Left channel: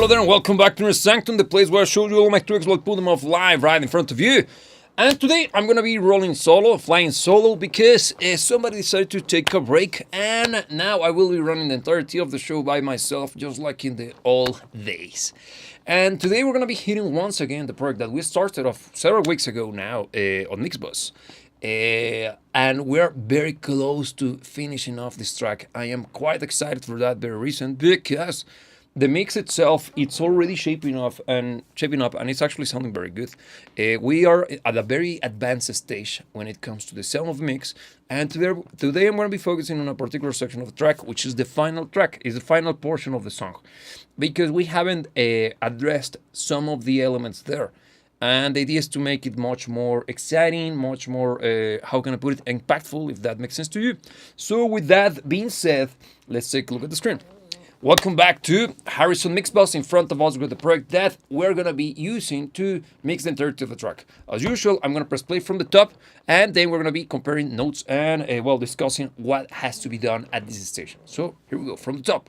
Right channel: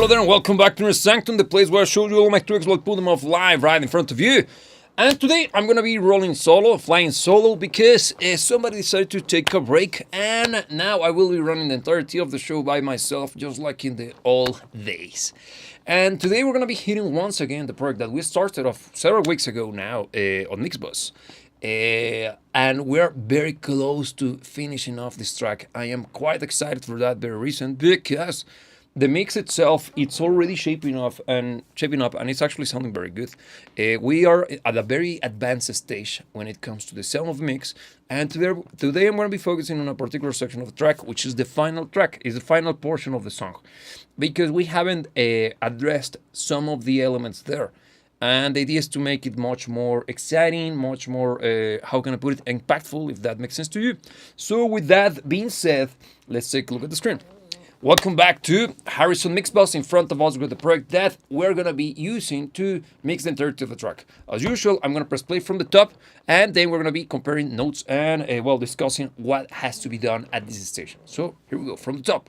Hello there and welcome back to the Sanctum, the place where I show you all my tricks, like put them off live right in front of you. And today I'm gonna be rolling solo, flying solo, because somebody decided to take a break, and now I will be running the entirety of the show by myself, just like in the old days. And today we're gonna be hitting once again the project that we started off several weeks ago now on Mixbus. And we're very close to finishing off this track. I am quite excited for that very reason, because the mix itself, it's already shaping up, and it's actually sounding very good. We are at a very advanced stage when it comes to the sound of mix, and today I'm going to be focusing on a particular section of the track, which is the final track, is the final portion of the song, because we haven't addressed some of the elements there. And the idea is to make it much more exciting, much more, how can I put it, impactful, if that makes sense to you. So with that being said, let's take a look at the screen. Welcome back to Harrison Mixbus. In front of us with the project that we're going to be using to mix the entirety of the track. As usual, I'm going to press play from the top, and then we're going to be comparing notes and, discussing what has to be done at this station. So here we go, from the top.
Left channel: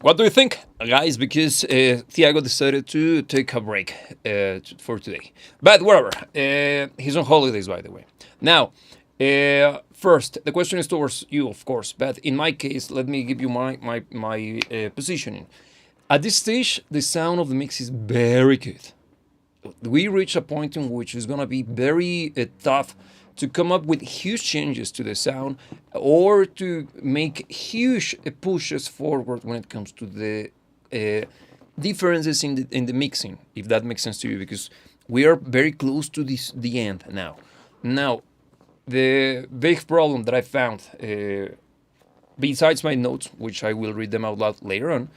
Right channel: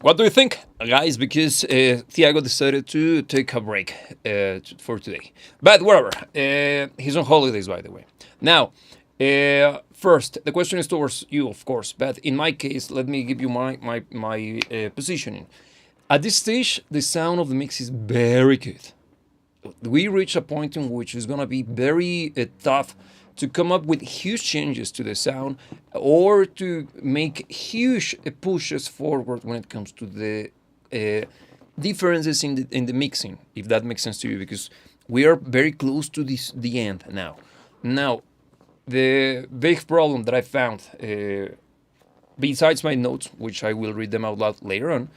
What do you think, guys? Because Thiago decided to take a break for today. But whatever. He's on holidays, by the way. Now, first, the question is towards you, of course. But in my case, let me give you my positioning. At this stage, the sound of the mix is very good. We reach a point in which it's going to be very tough to come up with huge changes to the sound or to make huge pushes forward when it comes to the differences in the mixing, if that makes sense to you, because we are very close to the end now. Now, the big problem that I found, besides my notes, which I will read them out loud later on,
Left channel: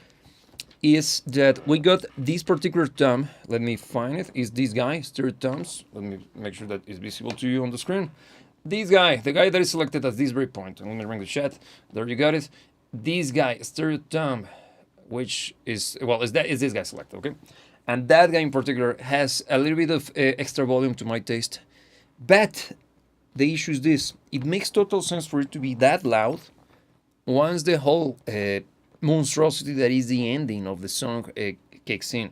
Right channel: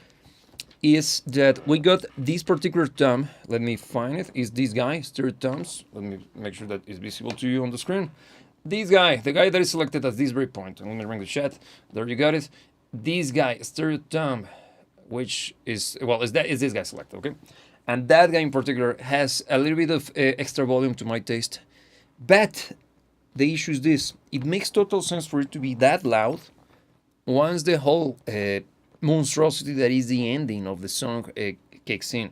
is that we got this particular tom. Let me find it. Is this guy, stirred toms. Let me make sure that is visible to you on the screen. This guy, the guy that is selected at this very point. Let me ring the chat. There you got it. This guy, stirred tom, which is, well, is this guy selected, okay? And that guy in particular has a little bit of extra volume to my taste. But the issue is this. It makes total sense for it to be that loud once the whole monstrosity that is the ending of the song kicks in.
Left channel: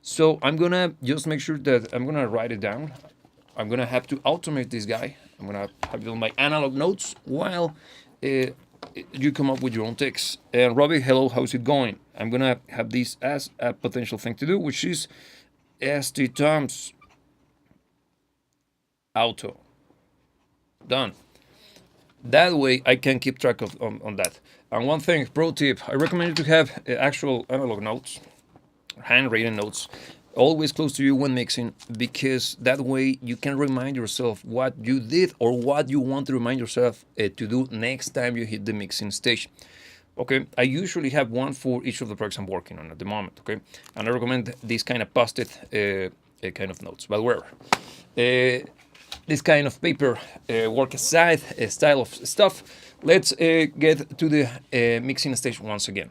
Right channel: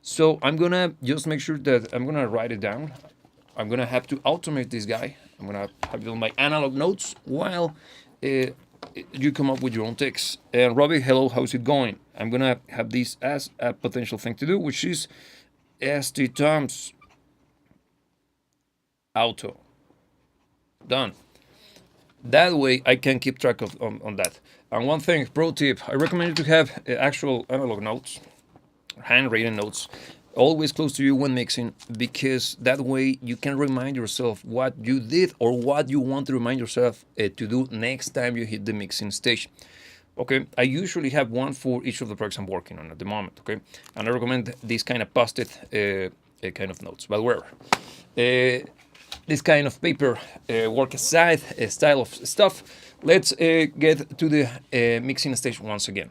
So I'm gonna just make sure that I'm gonna write it down. I'm gonna have to automate this guy. I'm gonna have it on my analog notes while you come up with your own text. And Robbie, hello, how's it going? I'm gonna have this as a potential thing to do, which is ST Toms auto. Done. That way I can keep track of on that. And one thing, pro tip, I recommend you to have actual analog notes, handwritten notes, always close to you when mixing, because that way you can remind yourself what you did or what you want to remind yourself to do next time you hit the mixing stage. Okay, I usually have one for each of the projects I'm working on at the moment, okay? And I recommend this kind of post-it kind of notes, but wherever. This kind of paper work aside, style of stuff, let's get to the mixing stage once again.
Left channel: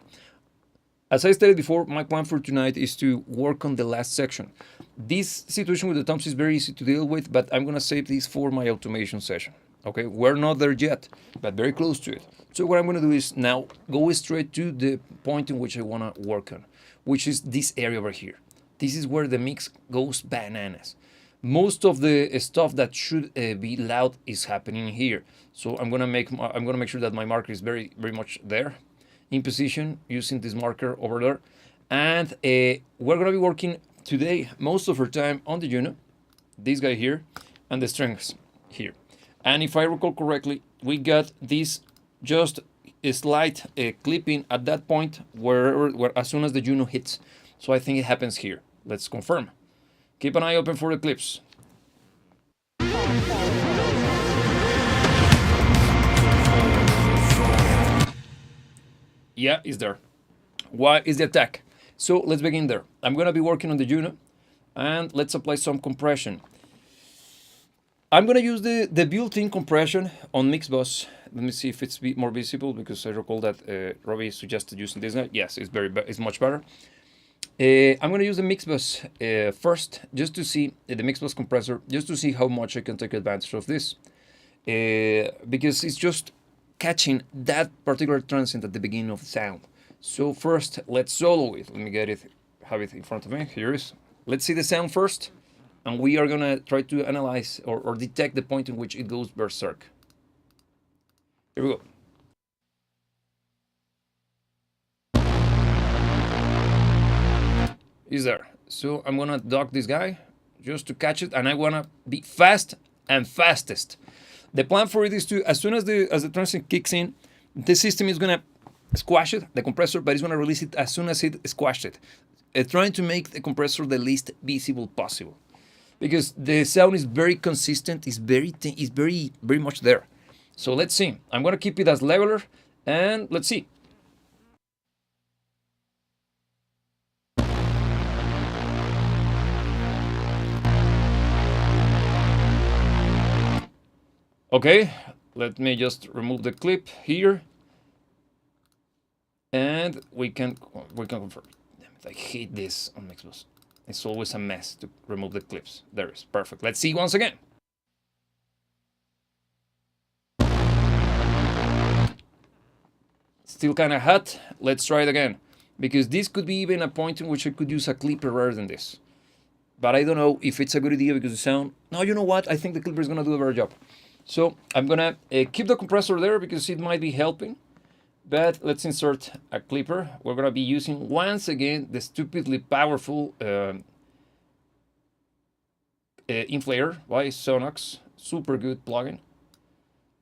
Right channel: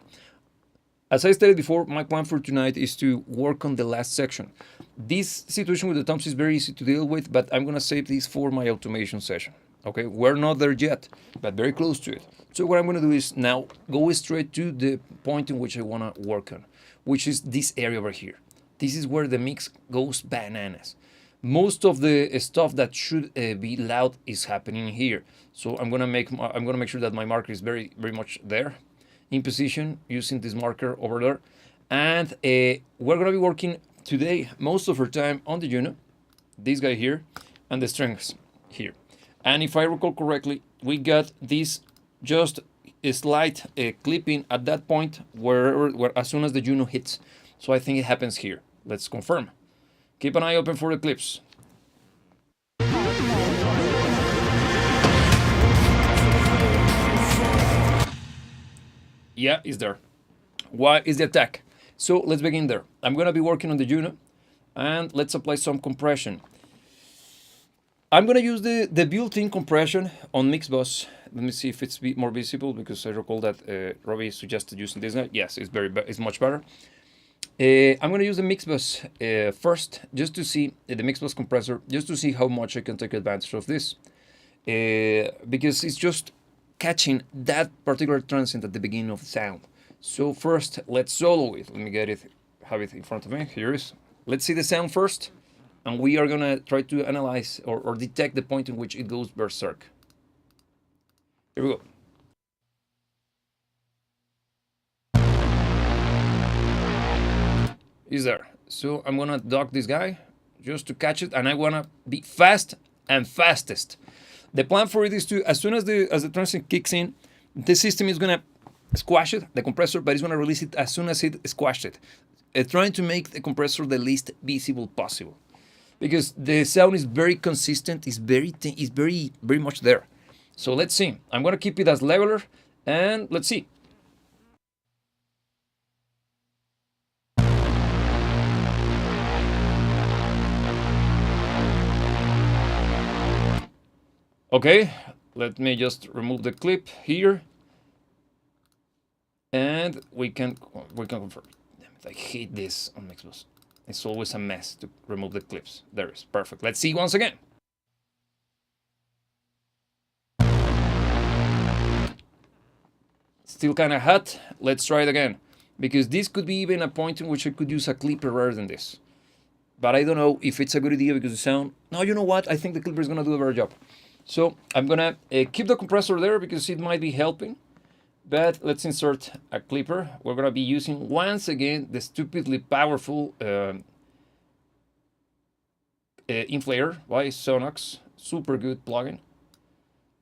As I stated before, my plan for tonight is to work on the last section. This situation with the toms is very easy to deal with, but I'm going to save this for my automation session. Okay, we're not there yet, but very close to it. So what I'm going to do is now go straight to the point in which I want to work on, which is this area over here. This is where the mix goes bananas. Most of the stuff that should be loud is happening here. So I'm gonna make sure that my marker is very much there, in position, using this marker over there. And we're gonna be working today most of our time on the unit, this guy here, and the strings here. And if I recall correctly, we got this just a slight clipping at that point where as soon as the Juno hits. So I think it happens here. Let's confirm. Keep an eye open for the clips. Yeah, it's there. Why is the attack? So let's begin there. I'm going to be working on the Juno, and let's apply some compression. I'm going to use the built-in compression on Mixbus. Let me see if it's more visible, because I recall that Robbie suggested using this guy. Yes, it's much better. I'm going to use the Mixbus first, just to see the Mixbus compressor, just to see how much I can take advantage of this. Because it's just catching that particular transient at the beginning of the sound. So first, let's solo it. Let me have it in front of me. Here it is. Let's see the sound first, and we are going to try to analyze or detect the point in which it goes berserk. Here we go. Is there. So I'm gonna dock this guy just to catch it, and I wanna be fast and fastest. The plan for it is to, as soon as the transient kicks in, the system is gonna squash it, the compressor, but it's gonna release it as soon as it squashed it. Trying to make the compressor the least visible possible, because the sound is very consistent, is very much there. So let's see. I'm gonna keep it as leveler, and let's see. Okay, let me just remove the clip here, and we can confirm. Damn it, I hate this on Mixbus. It's always a mess to remove the clips. There it is, perfect. Let's see once again. Still kind of hot. Let's try it again. because this could be even a point in which I could use a clipper rather than this. But I don't know if it's a good idea because the sound... No, you know what? I think the clipper is going to do a better job. So I'm going to keep the compressor there because it might be helping. But let's insert a clipper. We're going to be using, once again, the stupidly powerful inflator by Sonox. Super good plugin.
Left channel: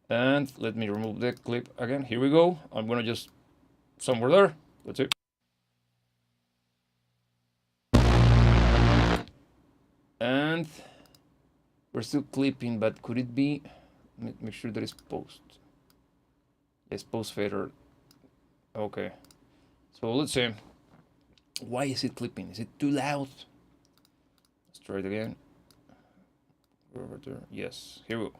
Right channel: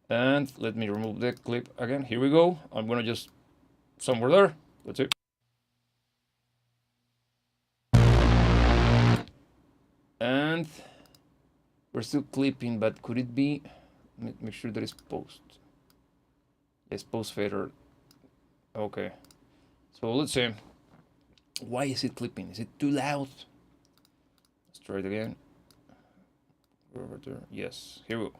And let me remove the clip again. Here we go. I'm going to just... somewhere there. That's it. And we're still clipping, but could it be... Make sure that it's post. It's post fader. Okay. So let's see. Why is it clipping? Is it too loud? Let's try it again. Over there. Yes. Here we go.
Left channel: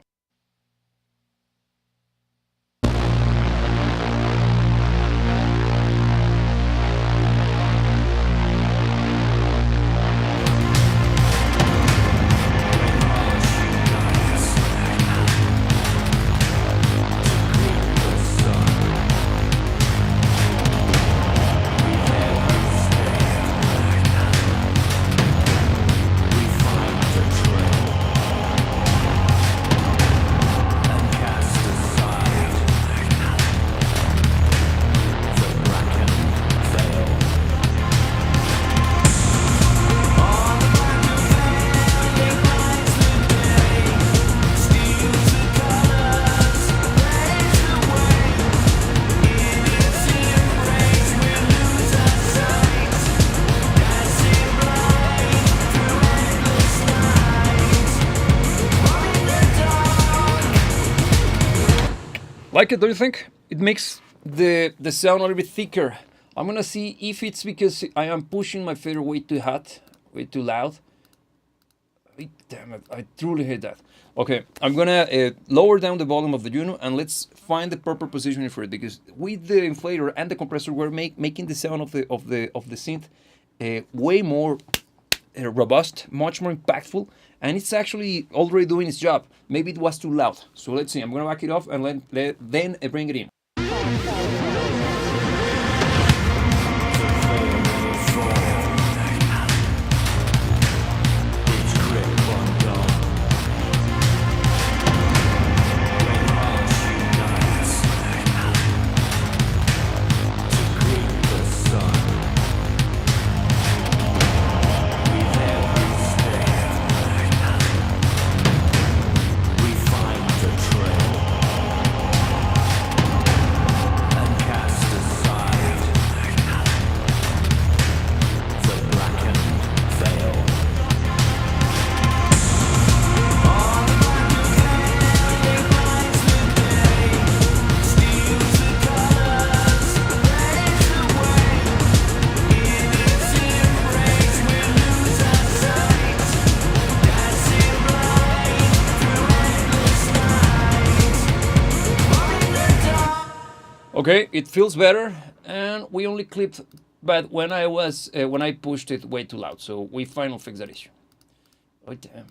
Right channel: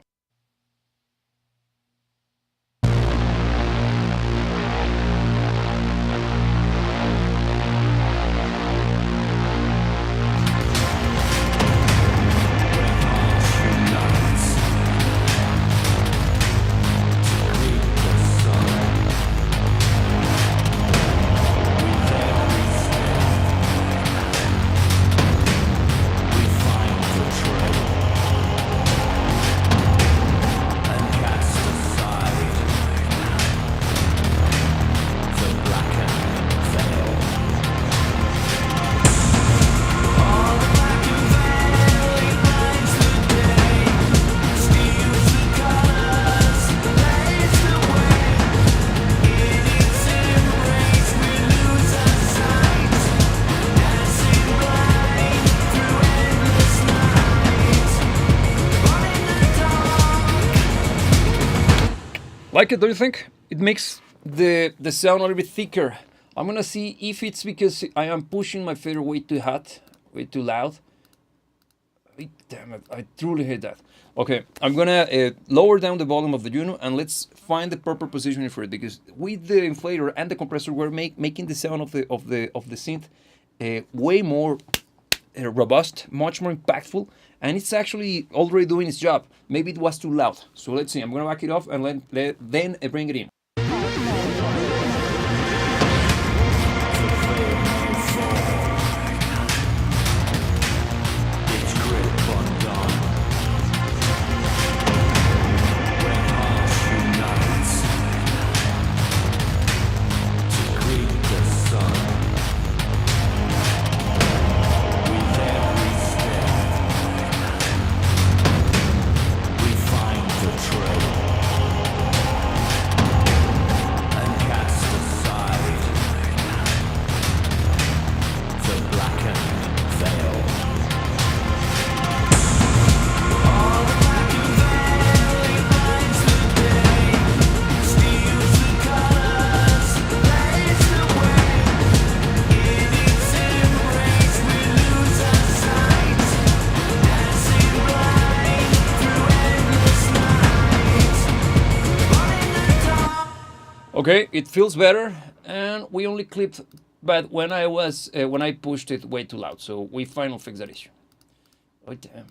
Like it, don't you think? It makes the sound a little bit thicker. I'm gonna see if it's because I am pushing my fader way too hot, way too loud. Damn it, I truly hate that. Okay, I'm gonna lower down the volume of the Juno and let's find the proper positioning for it, because with the inflator and the compressor we're making the sound of the synth way more robust, much more impactful, and it's actually already doing its job. Maybe it was too loud. So let's see, I'm gonna back it off and then bring it in. Okay, it feels better, and we only clipped, but when I pushed it way too loud, so we finally fixed that issue. Oh damn!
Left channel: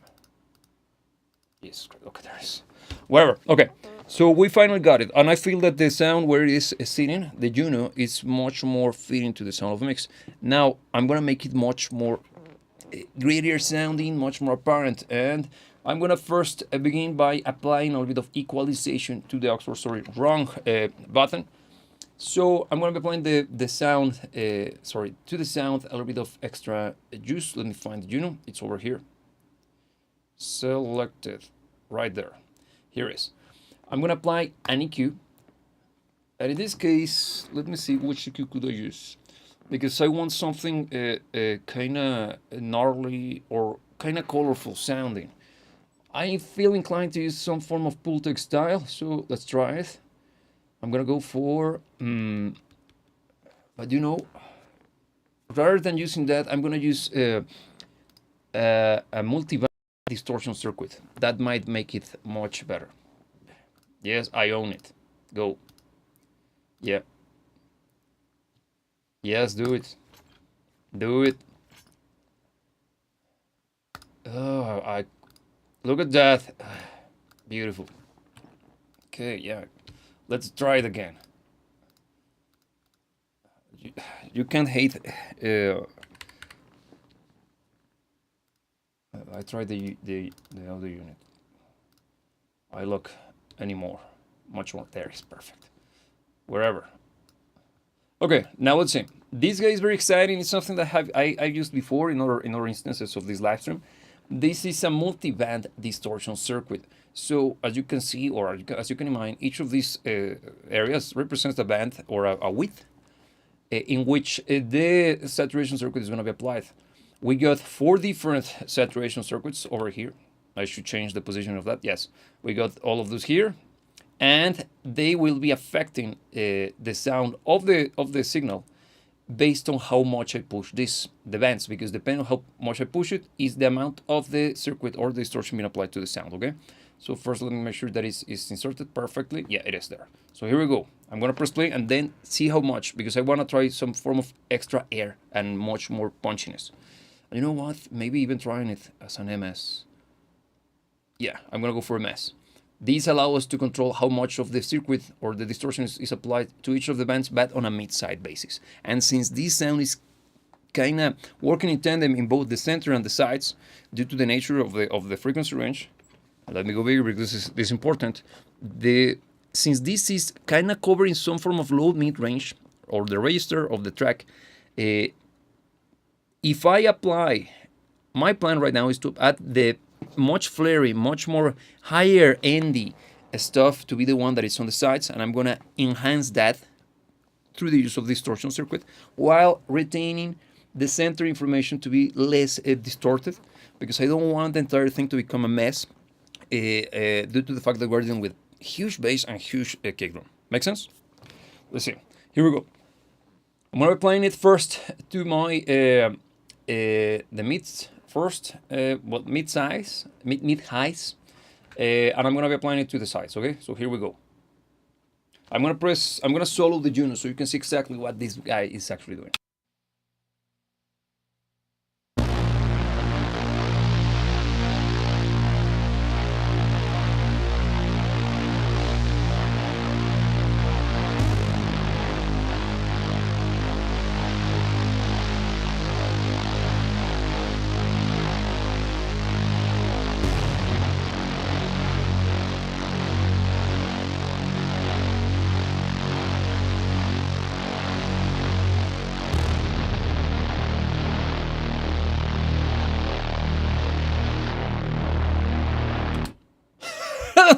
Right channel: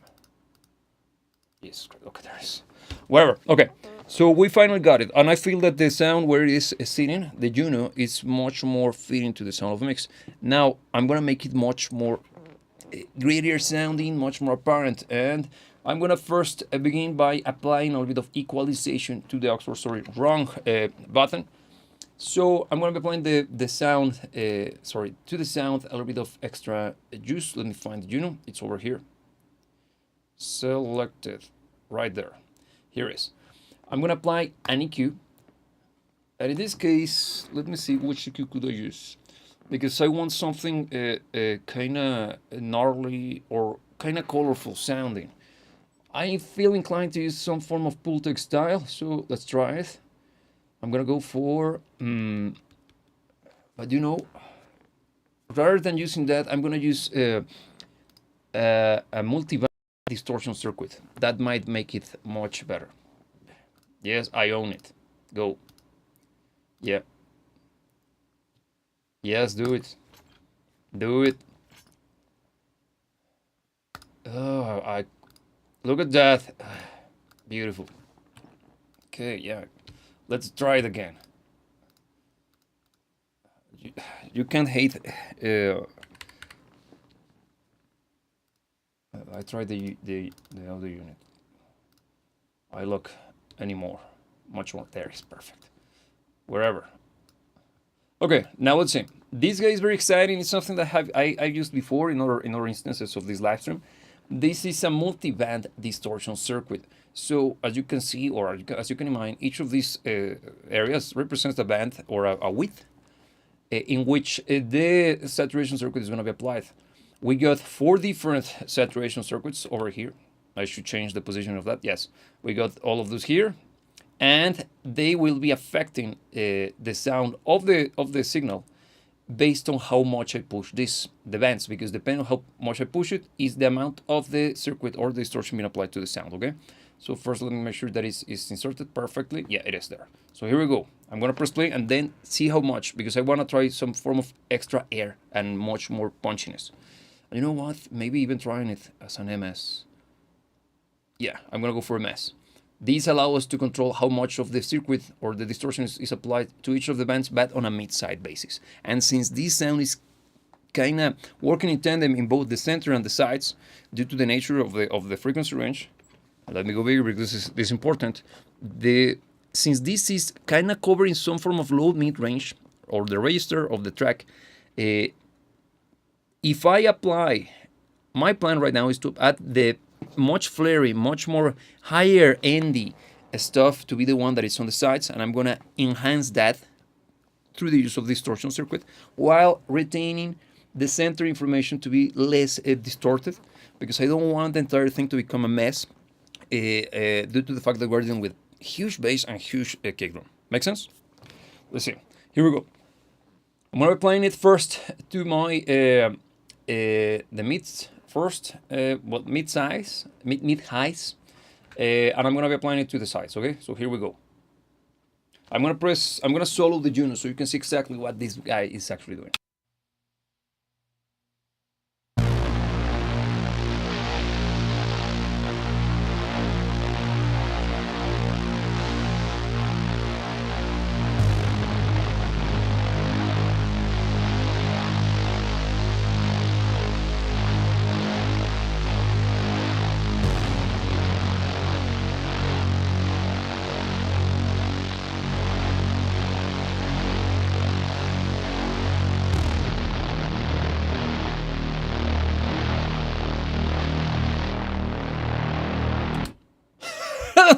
Yes, okay, there it is. Whatever. Okay, so we finally got it, and I feel that the sound where it is sitting, the Juno, is much more fitting to the sound of the mix. Now I'm gonna make it much more grittier sounding, much more apparent, and I'm gonna first begin by applying a little bit of equalization to the Oxford, sorry, wrong button. So I'm gonna be applying the sound, to the sound a little bit of extra juice. Let me find the Juno. It's over here. Selected, right there. Here it is. I'm gonna apply an EQ, and in this case, let me see which EQ could I use, because I want something kind of gnarly or kind of colorful sounding. I feel inclined to use some form of Pultec style, so let's try it. I'm gonna go for, but you know, rather than using that, I'm gonna use a multi-band distortion circuit. That might make it much better. Yes, I own it. Go. Yeah. Yes, do it. Do it. Oh, look at that. Beautiful. Okay, yeah. Let's try it again. you can't hate. I tried the other unit. I look anymore, much more. There is perfect. Wherever. Okay, now let's see. This guy is very exciting. It's something that I've used before in other instances of this live stream. This is a multi-band distortion circuit. So as you can see, or as you can imagine, each of these areas represents a band or a width in which the saturation circuit is going to be applied. We got 4 different saturation circuits over here. I should change the position of that. Yes, we got all of those here, and they will be affecting the sound of the signal based on how much I push the bands, because depending on how much I push it is the amount of the circuit or the distortion being applied to the sound. Okay, so first let me make sure that it's inserted perfectly. Yeah, it is there. So here we go. I'm gonna press play and then see how much, because I wanna try some form of extra air and much more punchiness. And you know what? Maybe even trying it as an MS. Yeah, I'm gonna go for MS. These allow us to control how much of the circuit or the distortion is applied to each of the bands, but on a mid-side basis. And since this sound is kind of working in tandem in both the center and the sides, due to the nature of the frequency range, let me go bigger because this is important. Since this is kind of covering some form of low mid range or the register of the track, if I apply, my plan right now is to add the much flary, much more higher endy stuff to be the one that is on the sides, and I'm gonna enhance that through the use of distortion circuit while retaining the center information to be less distorted, because I don't want the entire thing to become a mess due to the fact that we're dealing with huge bass and huge kick drum. Make sense? Let's see. Here we go. I'm gonna be playing it first to my the mids first, mid highs, and I'm gonna be applying it to the sides. Okay, so here we go. I'm gonna solo the Juno so you can see exactly what this guy is actually doing.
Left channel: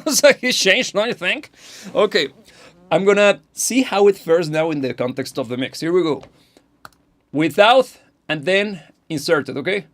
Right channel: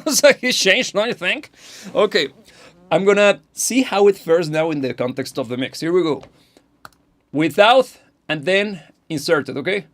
So he changed, don't you think? Okay, I'm gonna see how it fares now in the context of the mix. Here we go. Without and then inserted, okay?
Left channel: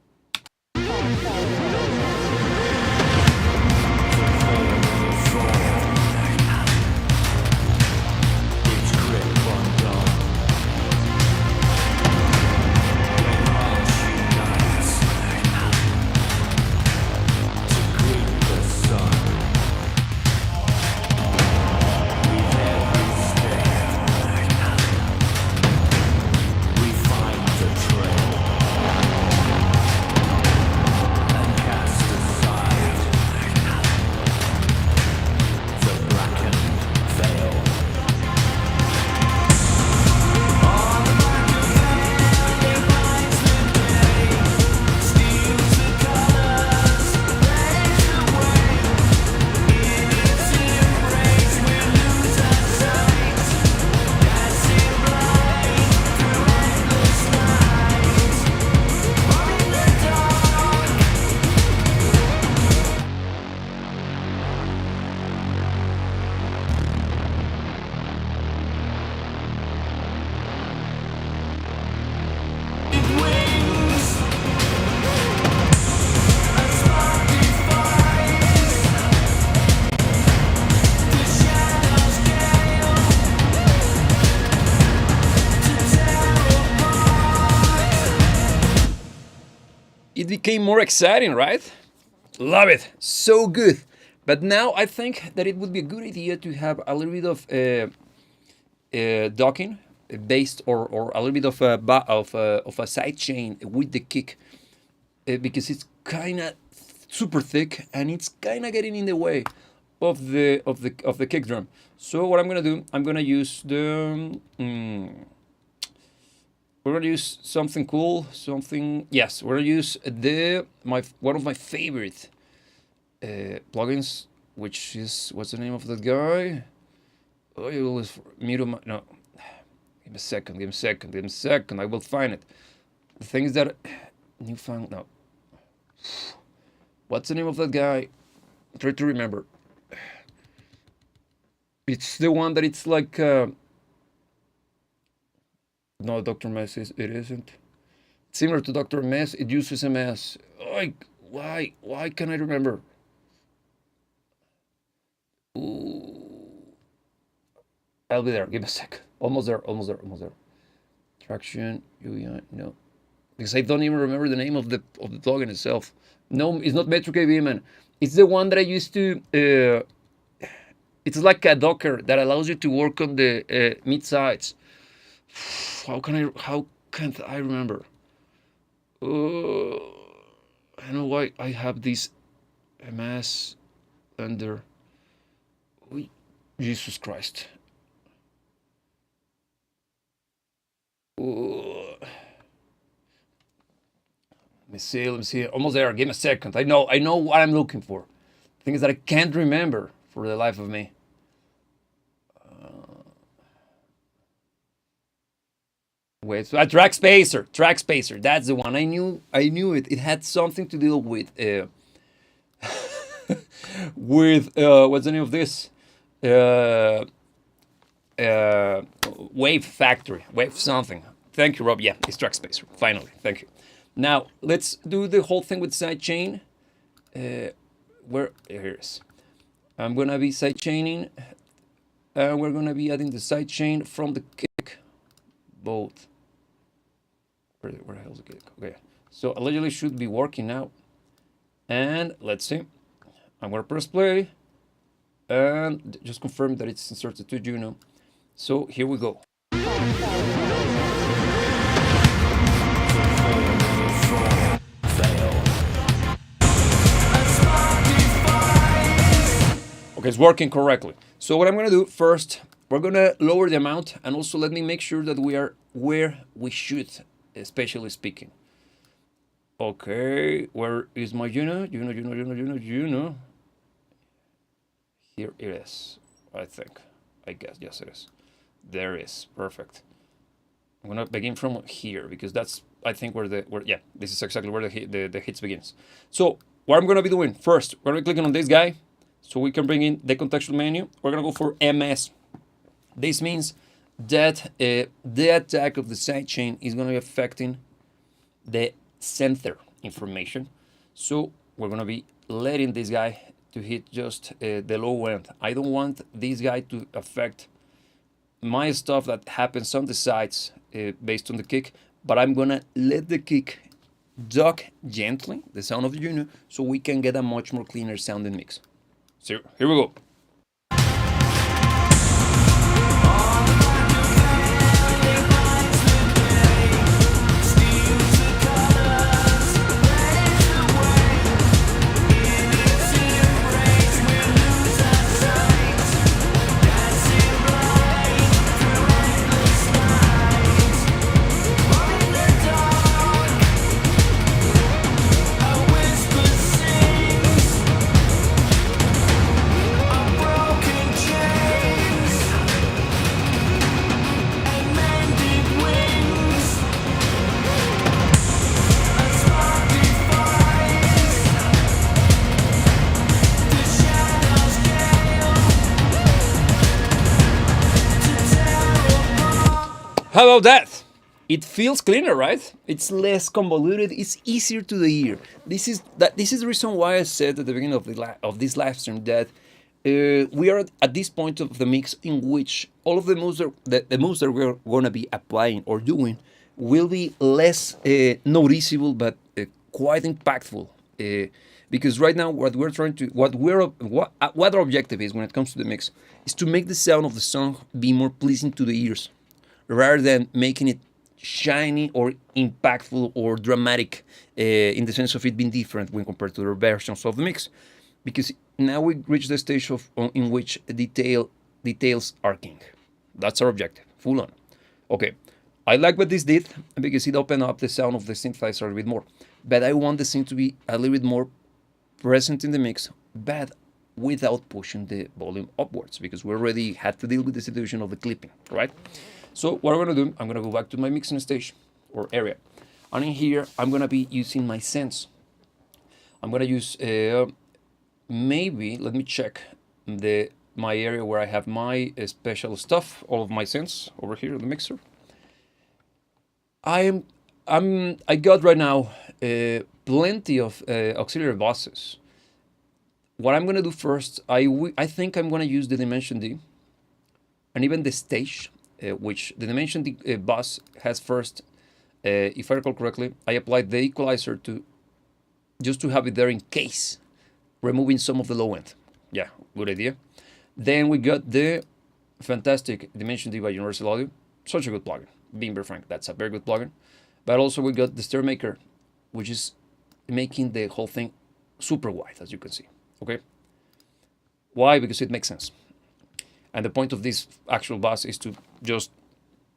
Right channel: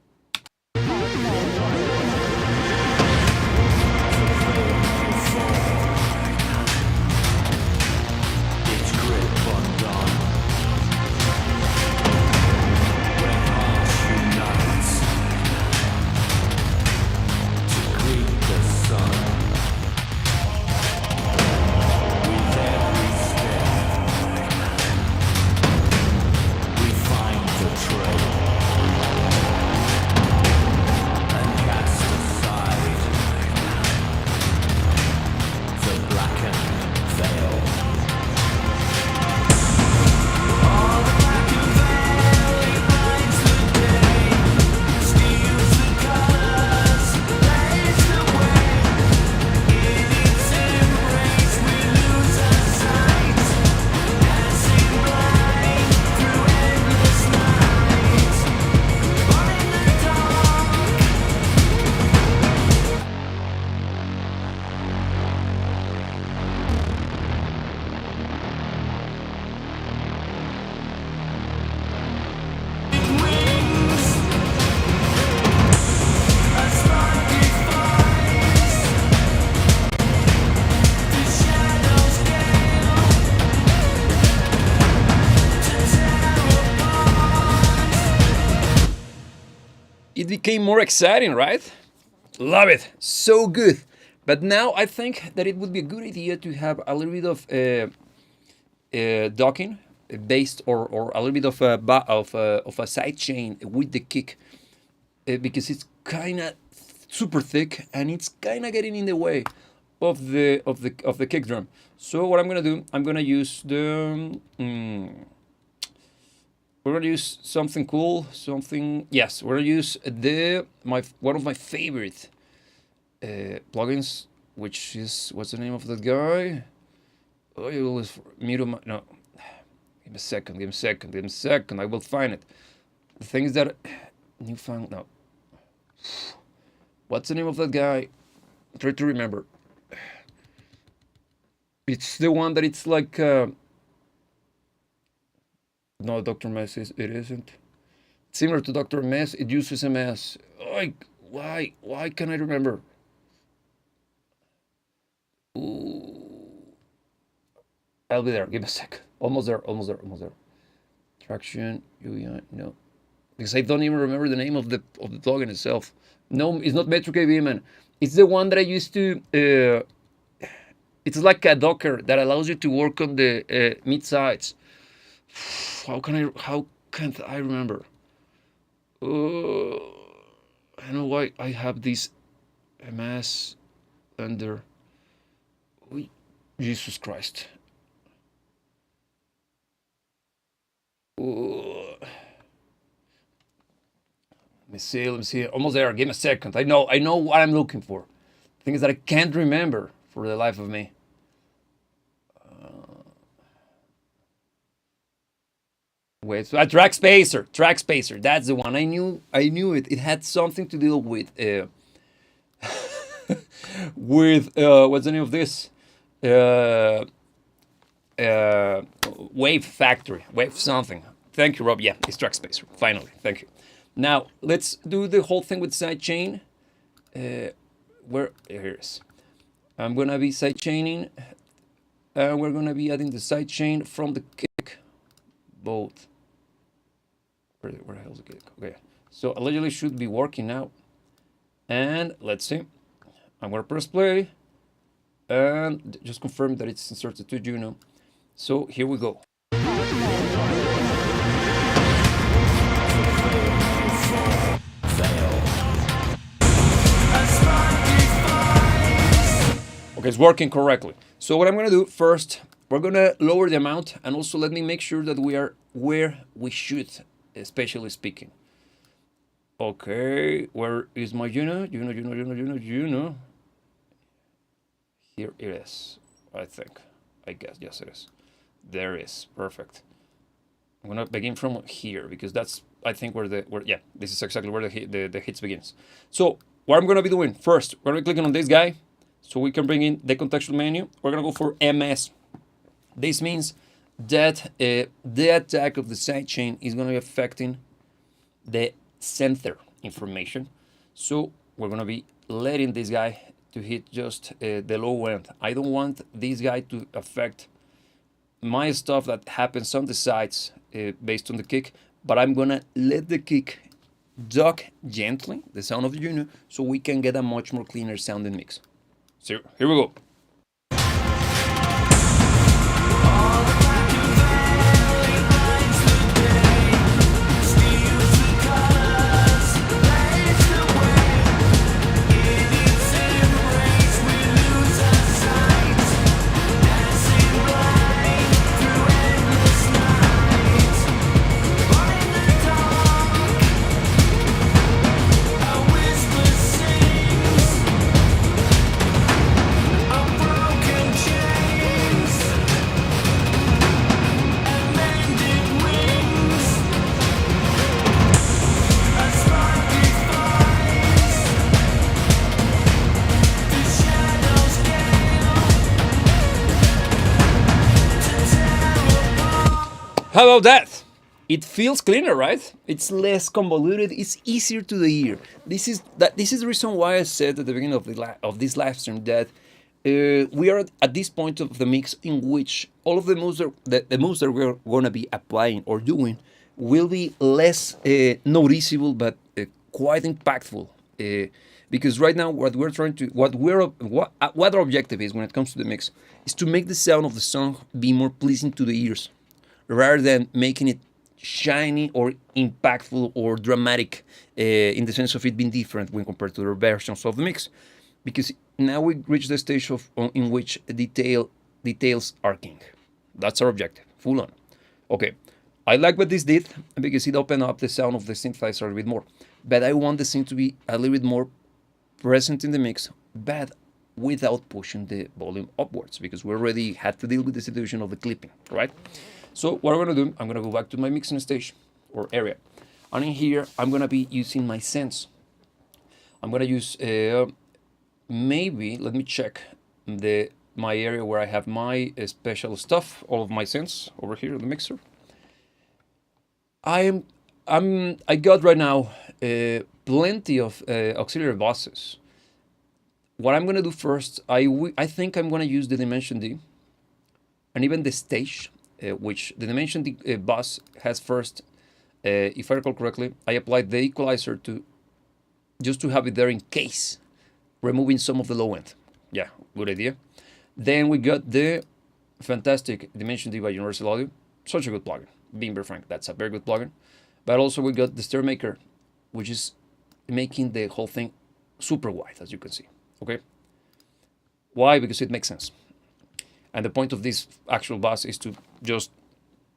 It became more exciting, right? Love it. So good. But now I think that it would be a good idea to have a little bit of docking based or a little bit of a side chain with the kick because it's kind of super thick and it's kind of getting in the way of the kick drum. So what I'm gonna do, I'm gonna use the we're gonna use something cool, something. Yes, we're gonna use one of my favorite plugins, which is what's the name of that guy? Oh, you always no. Give me a second. Give me a second. Give me a second. I will find it. The thing is that newfound. No. What's the name of that guy? Try to remember. It's the one that it's like. No, Dr. Mess it isn't. It's similar to Dr. Mess. It uses MS. Like, why can't I remember? Ooh. I'll be there. Give me a sec. Almost there. Almost there. Almost there. Traction. UI. No, because I don't even remember the name of the plugin itself. No, it's not Metric AV, man. It's the one that I used to. It's like a Docker that allows you to work on the mid sides. How can't I remember? I don't know why I have this MS under. Jesus Christ. Let me see. Let me see. Almost there. Give me a second. I know what I'm looking for. The thing is that I can't remember for the life of me. Wait, track spacer. Track spacer. That's the one. I knew it. It had something to do with with what's the name of this? Wave Factory. Wave something. Thank you, Rob. Yeah, it's track spacer. Finally. Thank you. Now let's do the whole thing with sidechain. Where here it is. I'm gonna be sidechaining. We're gonna be adding the sidechain from the kick. Both. Where the hell is the kick? Okay. So allegedly should be working now. And let's see. I'm gonna press play. And just confirm that it's inserted to Juno. So here we go. Okay, it's working correctly. So what I'm gonna do first, we're gonna lower the amount, and also let me make sure that we are where we should, especially speaking. Okay, where is my Juno? Juno. Here it is, I think. I guess, yes it is. There it is, perfect. I'm gonna begin from here because that's, I think, yeah, this is exactly where the hits begins. So what I'm gonna be doing first, we're gonna be clicking on this guy so we can bring in the contextual menu. We're gonna go for MS. This means that the attack of the sidechain is gonna be affecting the center information. So we're gonna be letting this guy to hit just the low end. I don't want this guy to affect my stuff that happens on the sides based on the kick, but I'm gonna let the kick duck gently, the sound of the Juno, so we can get a much more cleaner sounding mix. So here we go. How about that? It feels cleaner, right? It's less convoluted. It's easier to the ear. This is the reason why I said at the beginning of this live stream that we are at this point of the mix in which all of the moves that we're gonna be applying or doing will be less noticeable, but quite impactful. Because right now, what our objective is when it comes to the mix is to make the sound of the song be more pleasing to the ears, rather than making it shiny or impactful or dramatic in the sense of it being different when compared to the versions of the mix. Because now we reach the stage in which details are king. That's our objective, full on. Okay, I like what this did because it opened up the sound of the synthesizer a little bit more. But I want the synth to be a little bit more present in the mix, but without pushing the volume upwards, because we already had to deal with the situation of the clipping, right? So what I'm gonna do, I'm gonna go back to my mixing stage or area. And in here, I'm gonna be using my sense. I'm gonna use, maybe, let me check my area where I have my special stuff, all of my sense over here in the mixer. I got right now plenty of auxiliary buses. What I'm gonna do first, I think I'm gonna use the Dimension D and even the stage, which the Dimension D bus has first. If I recall correctly, I applied the equalizer to just to have it there in case, removing some of the low end. Yeah, good idea. Then we got the fantastic Dimension D by Universal Audio. Such a good plugin. Being very frank, that's a very good plugin. But also we got the Stereo Maker, which is making the whole thing super wide, as you can see. Okay. Why? Because it makes sense. And the point of this actual bus is to just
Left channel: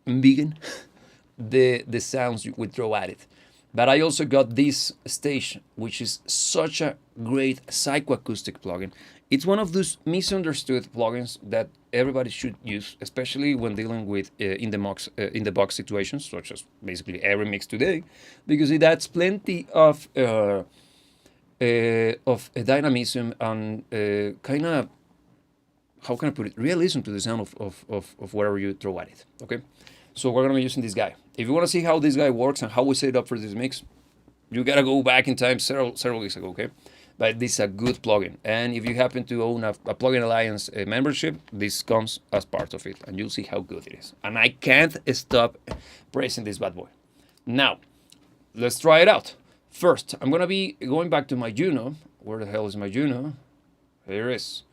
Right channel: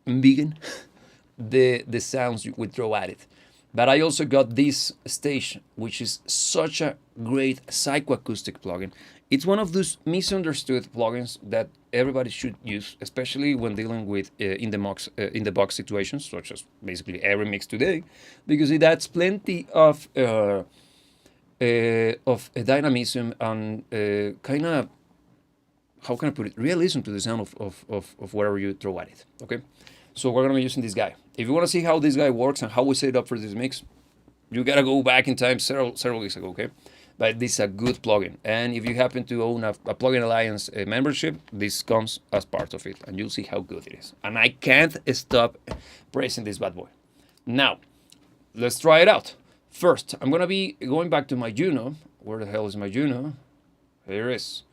begin the sounds we throw at it. But I also got this stage, which is such a great psychoacoustic plugin. It's one of those misunderstood plugins that everybody should use, especially when dealing with in the box situations, such as basically every mix today, because it adds plenty of dynamism and kind of, how can I put it, realism to the sound of whatever you throw at it. Okay, so we're gonna be using this guy. If you want to see how this guy works and how we set it up for this mix, you gotta go back in time several weeks ago. Okay, but this is a good plugin, and if you happen to own a Plugin Alliance membership, this comes as part of it, and you'll see how good it is. And I can't stop praising this bad boy. Now, let's try it out. First, I'm gonna be going back to my Juno. Where the hell is my Juno? Here it is.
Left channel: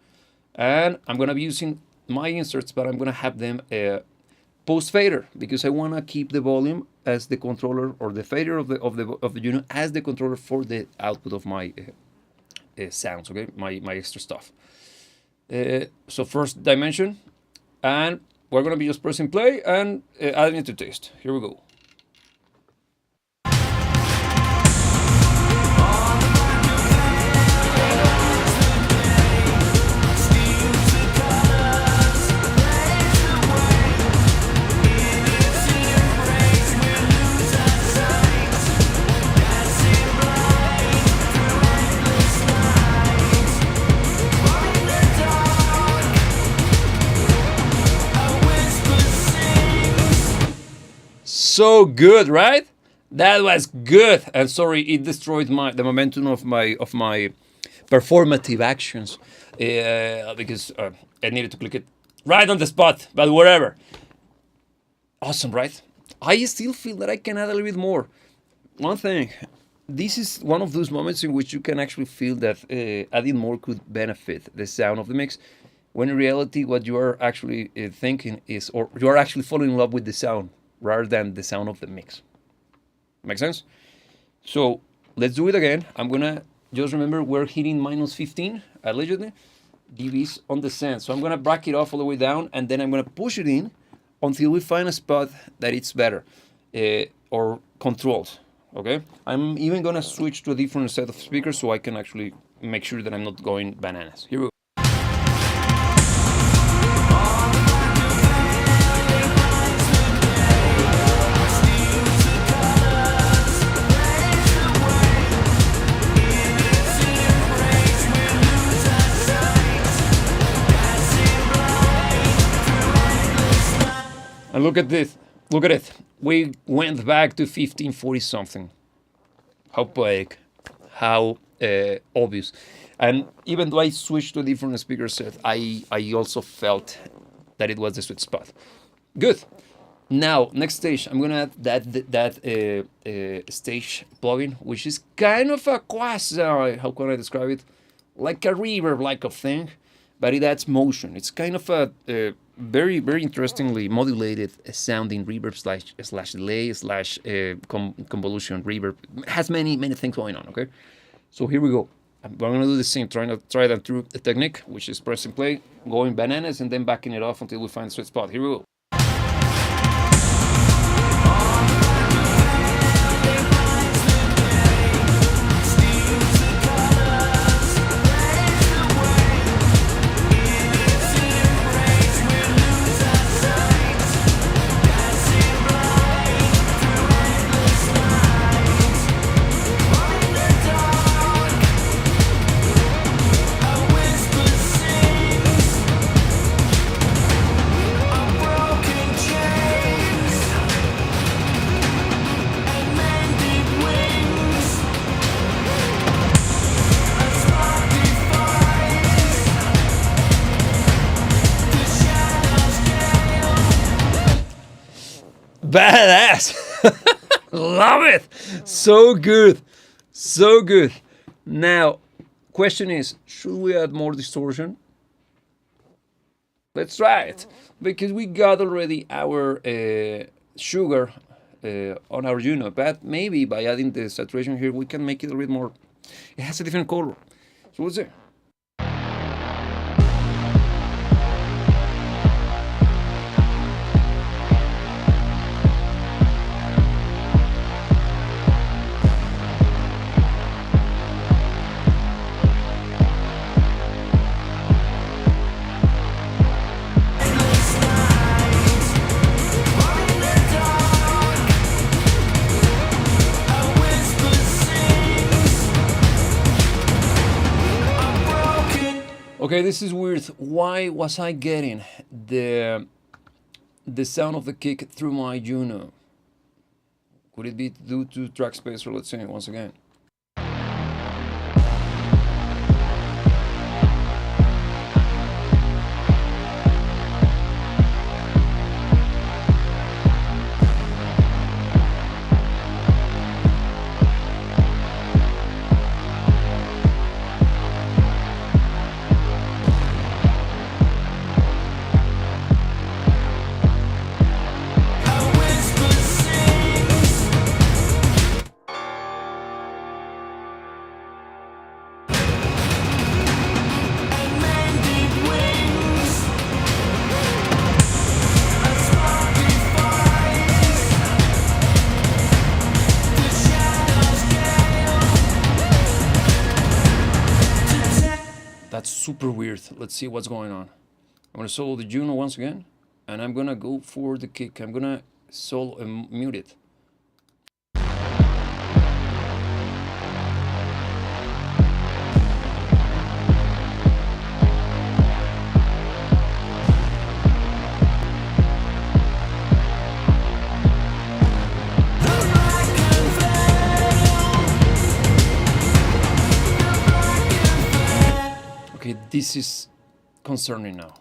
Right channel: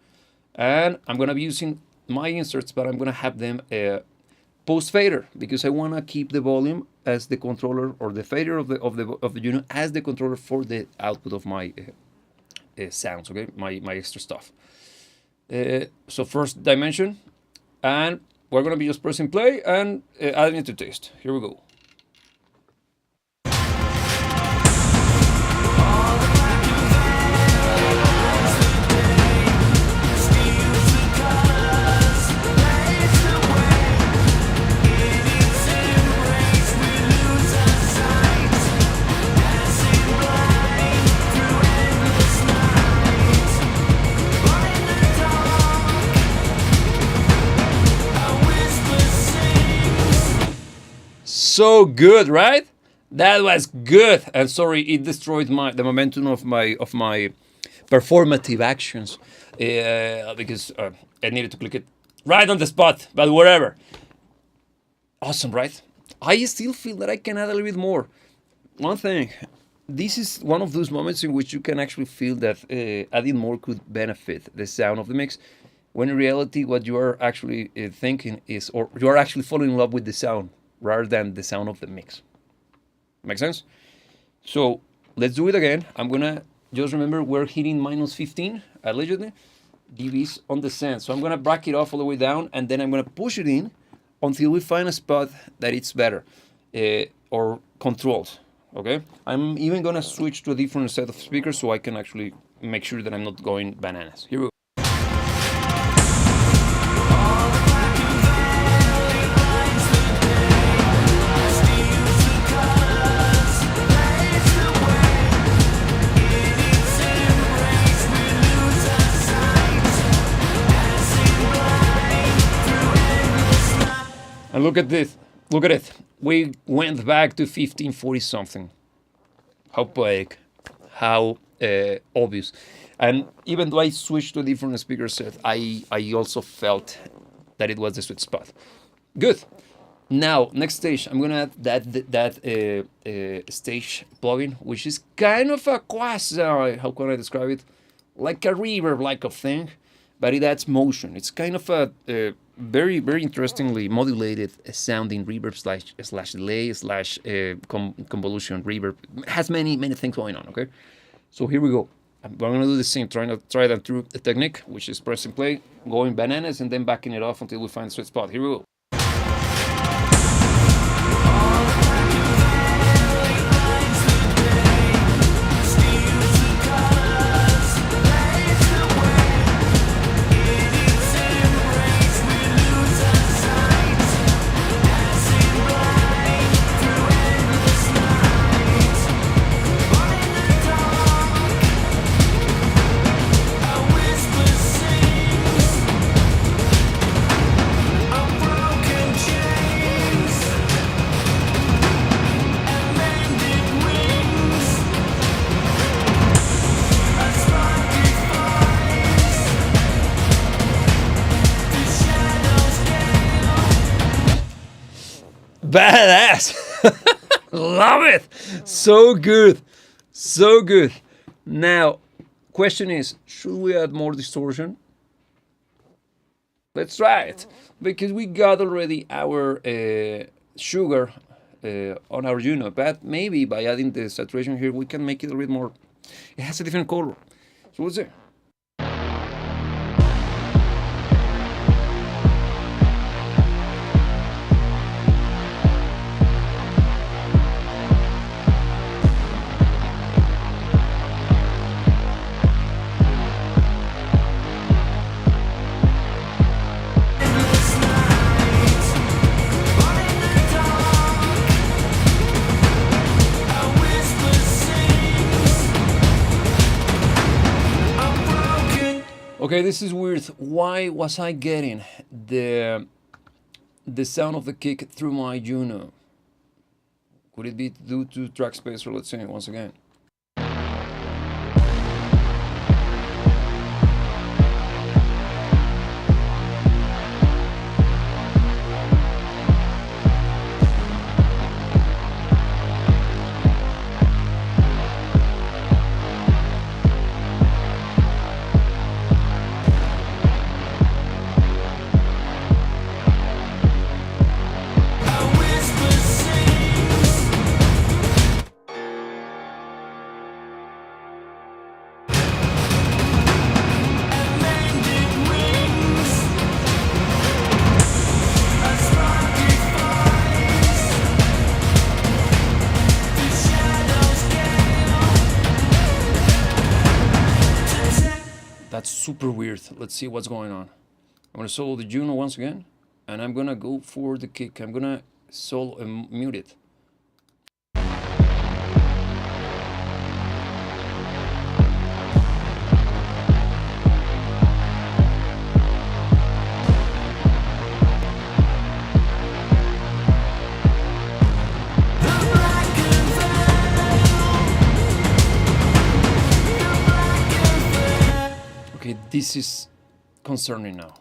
And I'm gonna be using my inserts, but I'm gonna have them post fader because I wanna keep the volume as the controller, or the fader of the Juno as the controller for the output of my sounds. Okay, my extra stuff. So first dimension, and we're gonna be just pressing play and adding it to taste. Here we go. So good, right? That was good. And sorry, it destroyed the momentum of my performative actions because I needed to click it right on the spot. But whatever. Awesome, right? I still feel that I can add a little bit more. One thing, this is one of those moments in which you can actually feel that adding more could benefit the sound of the mix, when in reality what you are actually thinking is, or you are actually falling in love with the sound rather than the sound of the mix. Make sense? So let's do it again. I'm gonna just remember we're hitting minus 15 allegedly dBs on the send. So I'm gonna back it off all the way down, and then I'm gonna push it in until we find a spot that it's better or controlled. Okay. I'm even gonna switch to a different set of speakers so I can actually make sure that I'm not going bananas. Here we go. And look at this. Look at it. We went back to 1540 something. How poetic. How obvious. And even though I switched to a different speaker set, I also felt that it was the sweet spot. Good. Now, next stage, I'm gonna add that stage plugin, which is kind of a quasi, how can I describe it? Like a reverb-like of thing, but it adds motion. It's kind of a very, very interestingly modulated sounding reverb slash delay slash convolution reverb. It has many things going on. Okay, so here we go. I'm gonna do the same, try that through the technique, which is pressing play, going bananas, and then backing it off until we find the sweet spot. Here we go. Badass. Love it. So good. So good. Now, question is, should we add more distortion? Let's try it. Because we got already our sugar on our Juno, but maybe by adding the saturation here, we can make it a little bit more. It has a different color. So let's see. Okay, this is weird. Why was I getting the sound of the kick through my Juno? Could it be due to track spacer? Let's see once again. That's super weird. Let's see what's going on. I'm gonna solo the Juno once again, and I'm gonna go for the kick. I'm gonna solo and mute it. Okay, this is concerning now.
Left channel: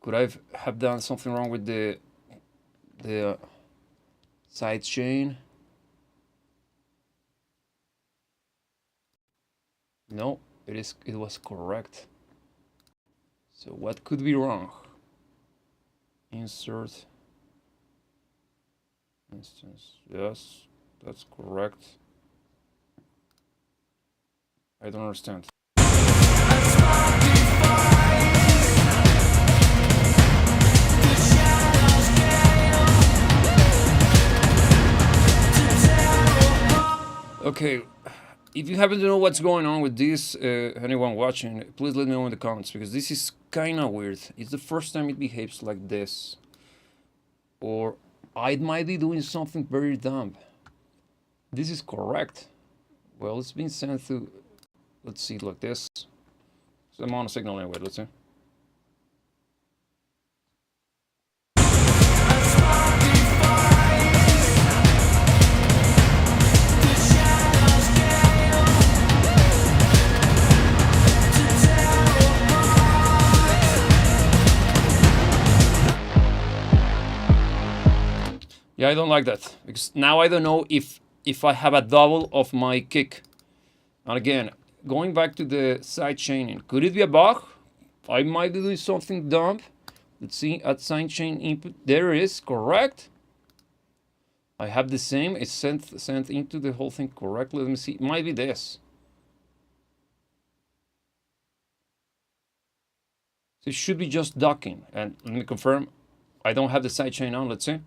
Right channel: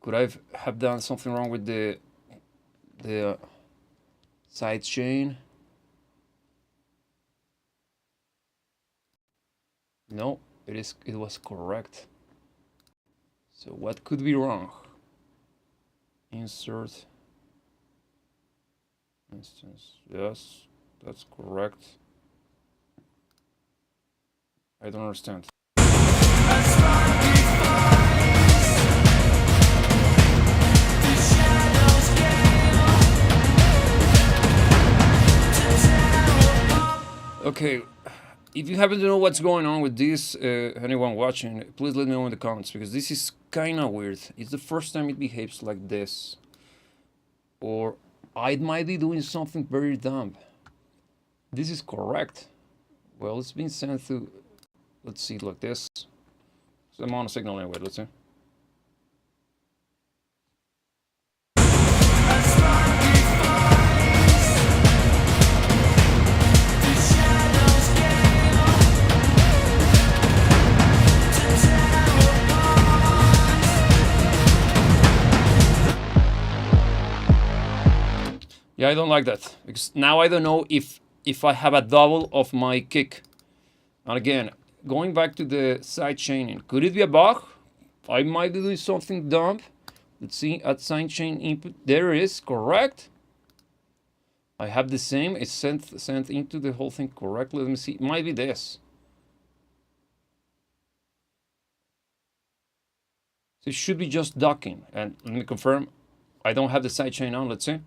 Could I have done something wrong with the side chain? No, it was correct. So what could be wrong? Insert instance. Yes, that's correct. I don't understand. Okay, if you happen to know what's going on with this, anyone watching, please let me know in the comments, because this is kind of weird. It's the first time it behaves like this. Or I might be doing something very dumb. This is correct. Well, it's been sent to, let's see, like this. So I'm on a signal anyway, let's see. Yeah, I don't like that, because now I don't know if I have a double of my kick. And again, going back to the side chaining, could it be a bug? I might be doing something dumb. Let's see, at side chain input, there it is, correct. I have the same, it's sent into the whole thing correctly. Let me see, it might be this. So it should be just docking. And let me confirm, I don't have the side chain on, let's see.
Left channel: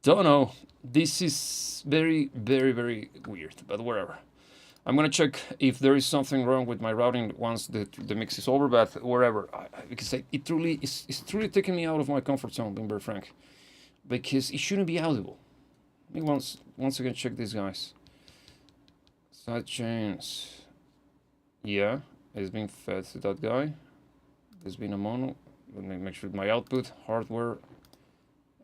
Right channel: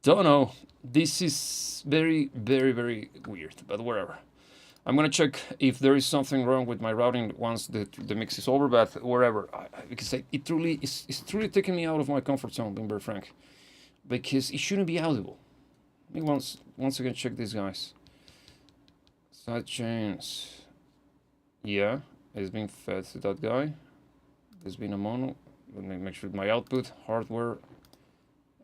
Don't know. This is very, very, very weird, but whatever. I'm gonna check if there is something wrong with my routing once the mix is over, but wherever. Because it's truly taking me out of my comfort zone, being very frank. Because it shouldn't be audible. Let me once again check these guys. Side chains. Yeah, it's being fed to that guy. There's been a mono. Let me make sure my output, hardware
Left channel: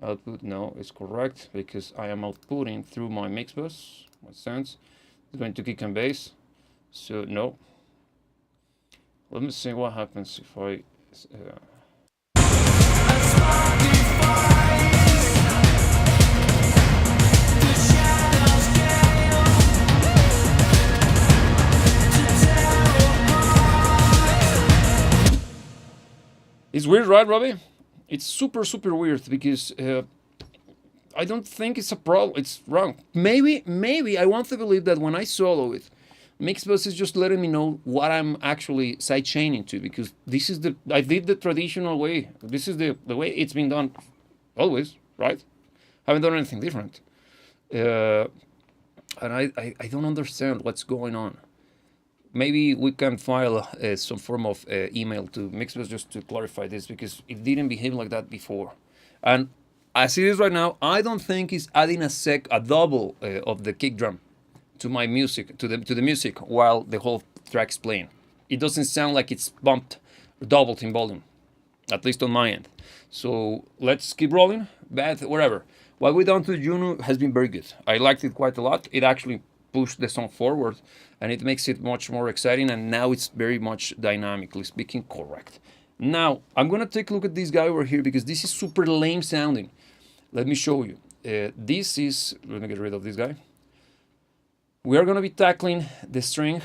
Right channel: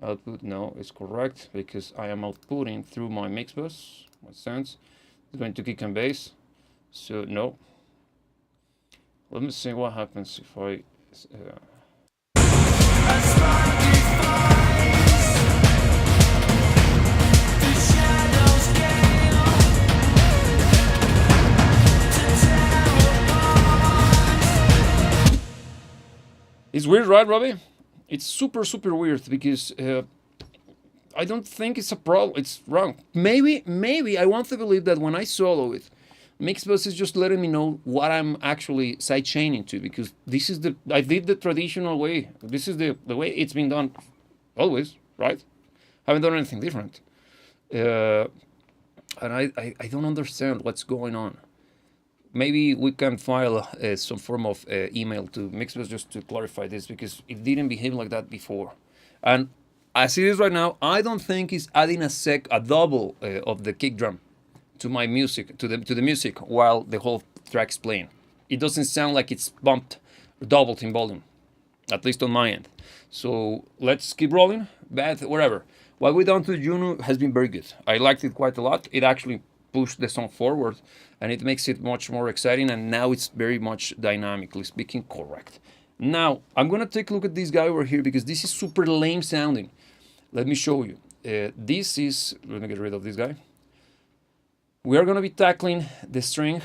output, no, is correct because I am outputting through my Mixbus. What sense? It's going to kick and bass. So no. Let me see what happens if I. A spark defies the shadows gale to tear apart. It's weird, right, Robbie? It's super, super weird because I don't think it's a problem. It's wrong. Maybe I want to believe that when I solo it, Mixbus is just letting me know what I'm actually sidechaining to, because this is I did the traditional way. This is the way it's been done always, right? Haven't done anything different. And I don't understand what's going on. Maybe we can file some form of email to Mixbus just to clarify this, because it didn't behave like that before. And as it is right now, I don't think it's adding a double of the kick drum to my music, to the music while the whole track's playing. It doesn't sound like it's bumped or doubled in volume, at least on my end. So let's keep rolling. But whatever. What we done to Juno has been very good. I liked it quite a lot. It actually pushed the song forward, and it makes it much more exciting, and now it's very much dynamically speaking correct. Now, I'm gonna take a look at this guy over here, because this is super lame sounding. Let me show you. This is, let me get rid of this guy. We are gonna be tackling the strings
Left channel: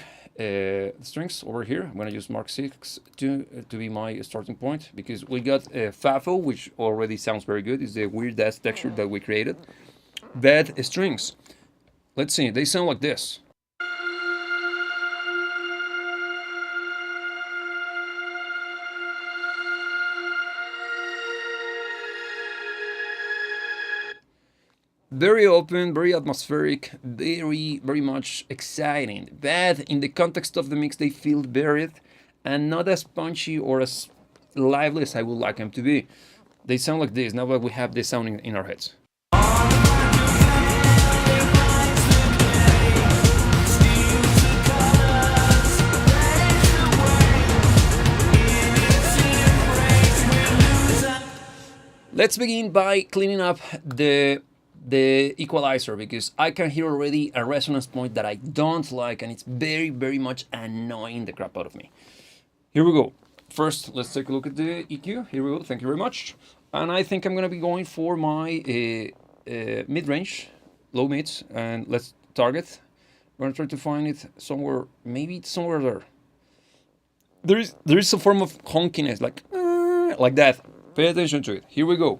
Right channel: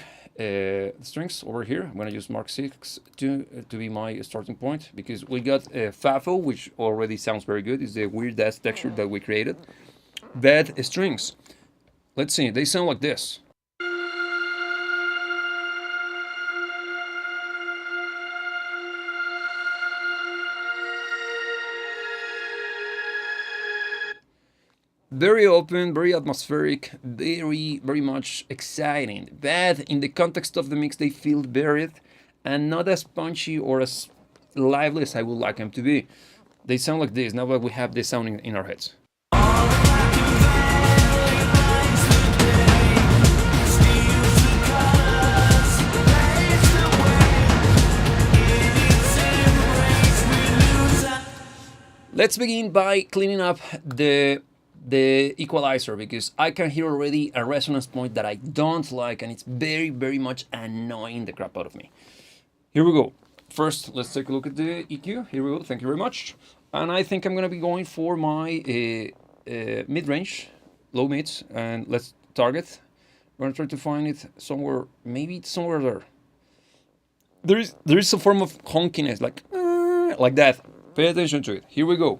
over here. I'm gonna use Mark 6 to be my starting point, because we got FAFO, which already sounds very good. It's the weird ass texture that we created. Bad strings. Let's see, they sound like this. Very open, very atmospheric, very much exciting. But in the context of the mix, they feel buried and not as punchy or as lively as I would like them to be. They sound like this, now that we have this sound in our heads. Let's begin by cleaning up the equalizer, because I can hear already a resonance point that I don't like, and it's very, very much annoying the crap out of me. Here we go. First, let's take a look at the EQ. Here we go. Thank you very much. And I think I'm going to be going for my mid-range, low mids, and let's target. We're going to try to find it somewhere, maybe it's somewhere there. There is a form of honkiness, like that. Pay attention to it. Here we go.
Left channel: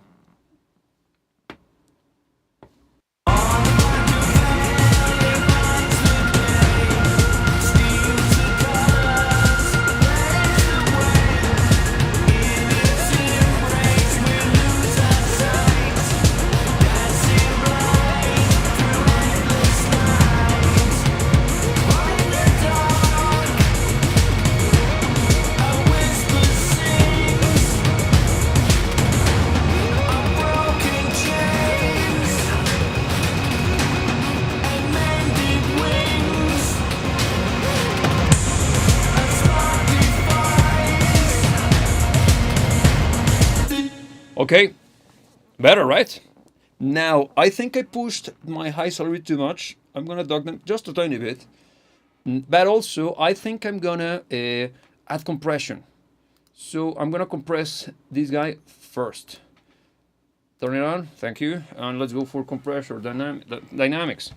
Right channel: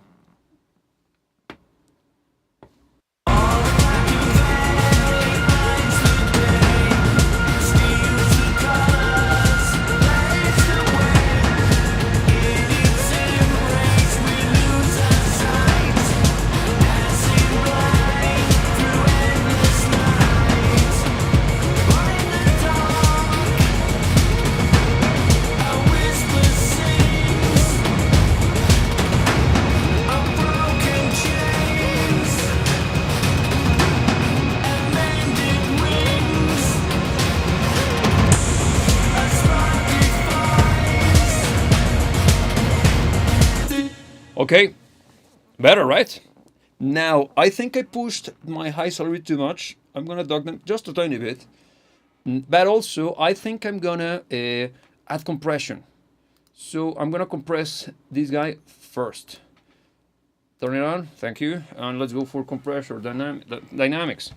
Okay, better, right? Now, I think I pushed my highs a little bit too much. I'm gonna dog them just a tiny bit. But also, I think I'm gonna add compression. So I'm gonna compress this guy first. Turn it on, thank you. And let's go for compressor dynamics.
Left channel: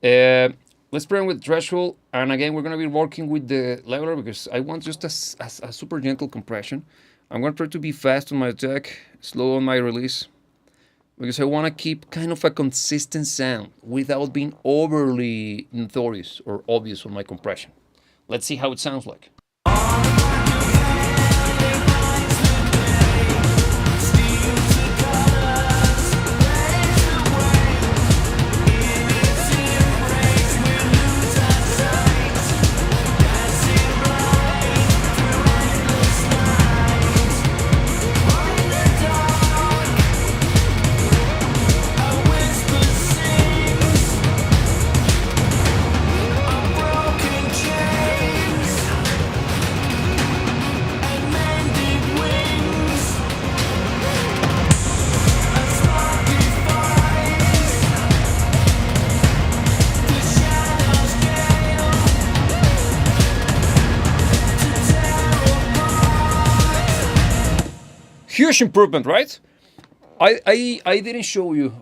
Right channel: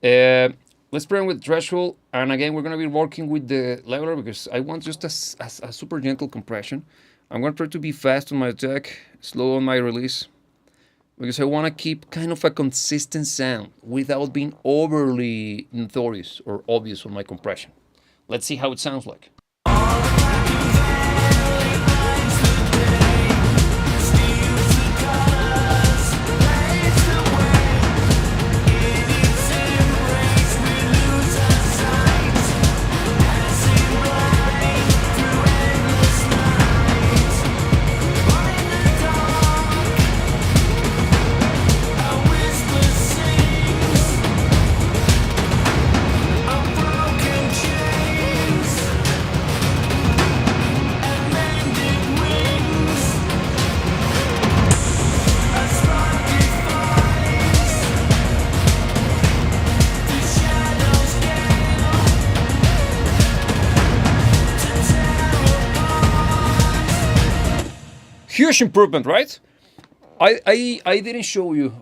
Let's play with threshold. And again, we're gonna be working with the leveler, because I want just a super gentle compression. I'm going to try to be fast on my attack, slow on my release, because I want to keep kind of a consistent sound without being overly notorious or obvious on my compression. Let's see how it sounds like. huge improvement, right? I didn't show you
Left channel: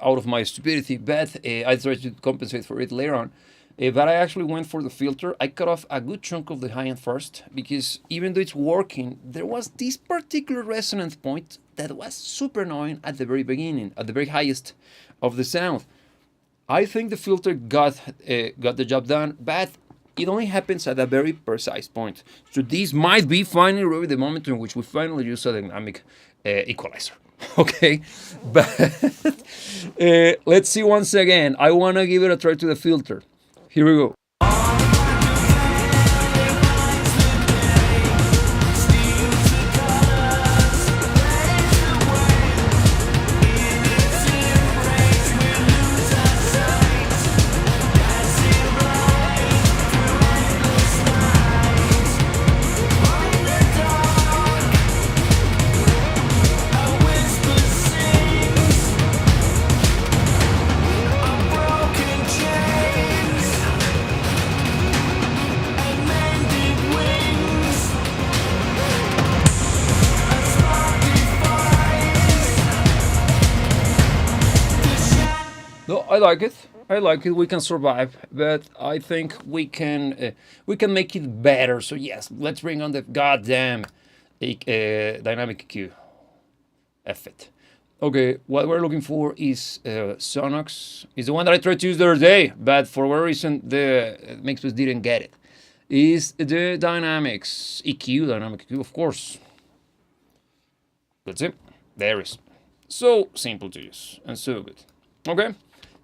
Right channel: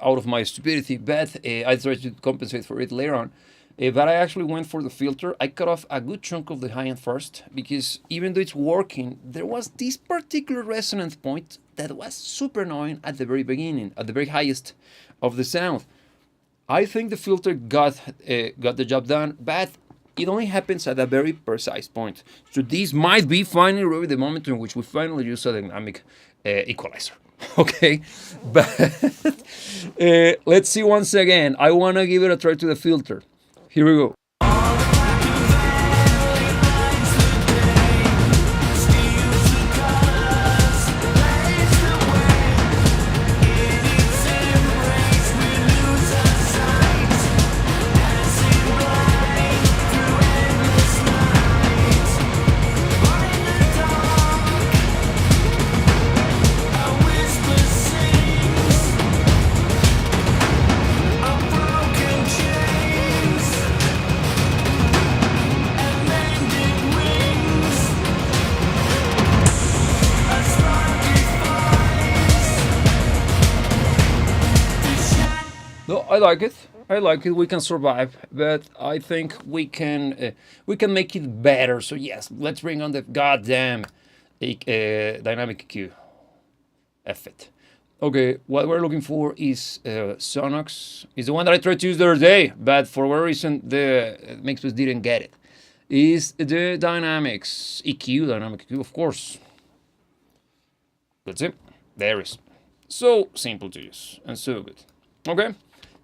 out of my stupidity, but I tried to compensate for it later on. But I actually went for the filter. I cut off a good chunk of the high end first because even though it's working, there was this particular resonance point that was super annoying at the very beginning, at the very highest of the sound. I think the filter got the job done, but it only happens at a very precise point. So this might be finally really the moment in which we finally use a dynamic equalizer. Okay, but let's see once again. I want to give it a try to the filter. Here we go. No, I like it. I like it. We can survive, but I think we can make it better. So yes, let's bring on the goddamn dynamic EQ. F it. Okay, what we're looking for is Sonox. It's the one that I tried to use the other day, but for whatever reason the Mixbus didn't get it. Is the dynamics EQ, dynamic EQ, of course. That's it. There is. So simple to use and so good. Okay,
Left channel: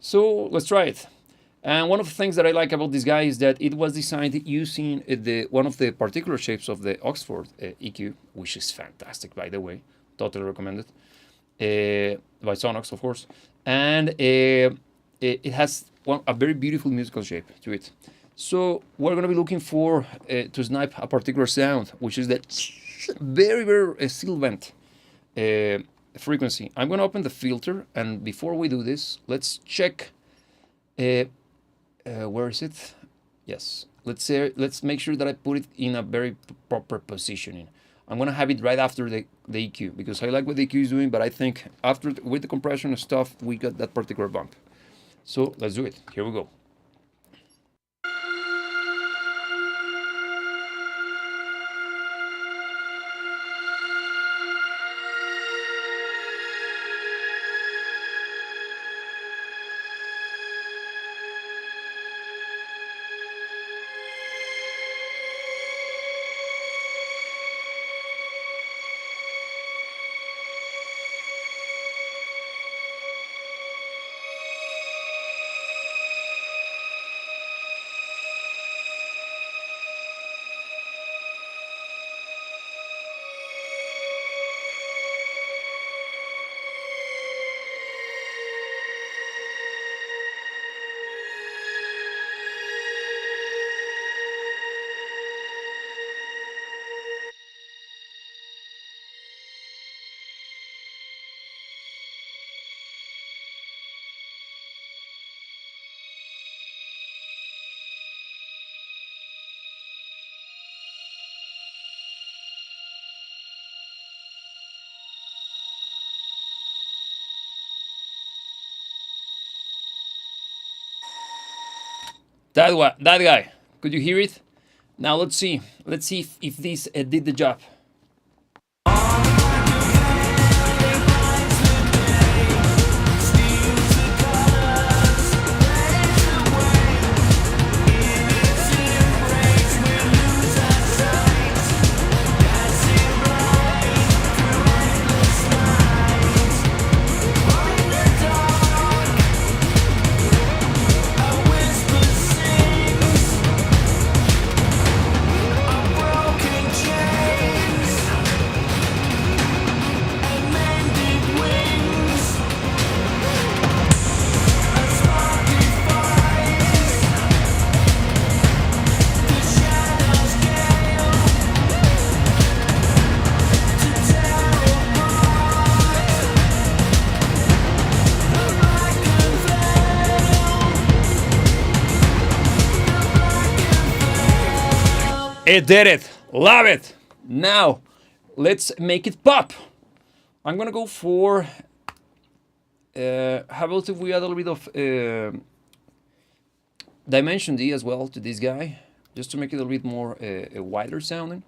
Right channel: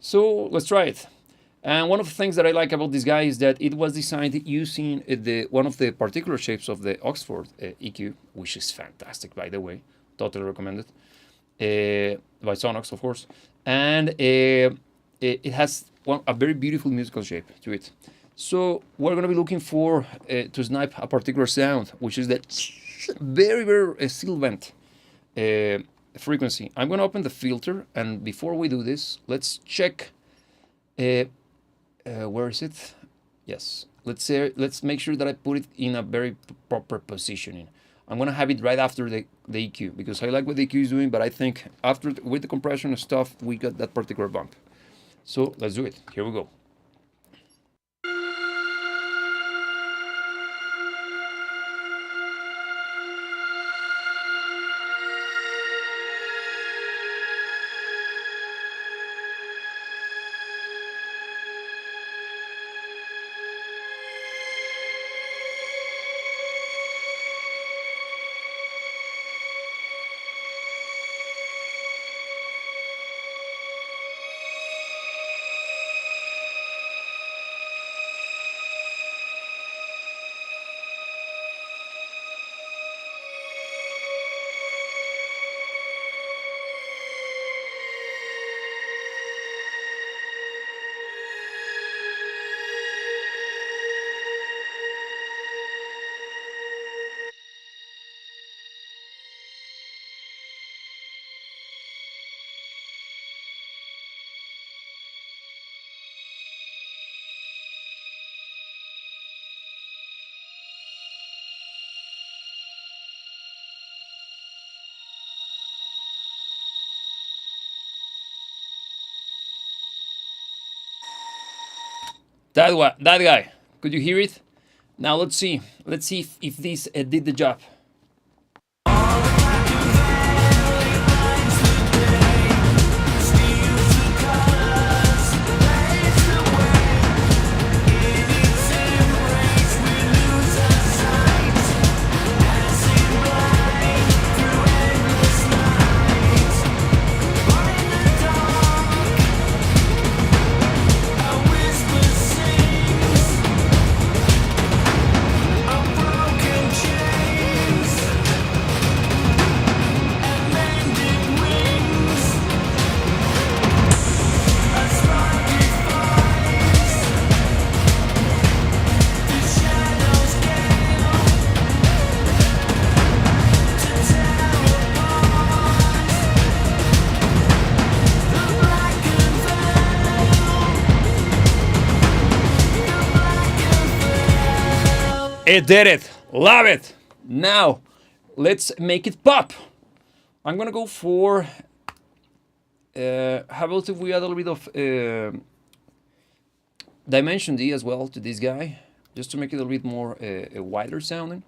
so let's try it. And one of the things that I like about this guy is that it was designed using one of the particular shapes of the Oxford EQ, which is fantastic, by the way. Totally recommended. By Sonox, of course. And it has a very beautiful musical shape to it. So we're going to be looking for to snipe a particular sound, which is that very, very sibilant frequency. I'm going to open the filter, and before we do this, let's check. Where is it? Yes. Let's make sure that I put it in a very proper positioning. I'm going to have it right after the EQ because I like what the EQ is doing, but I think after with the compression and stuff, we got that particular bump. So let's do it. Here we go. That guy. Could you hear it? Now let's see. Let's see if this did the job. It did it. Love it. Now, let's make it pop. I'm gonna go for how about if we add a little bit of Dimension D as well to this guy, just to make it a little bit more wider sounding.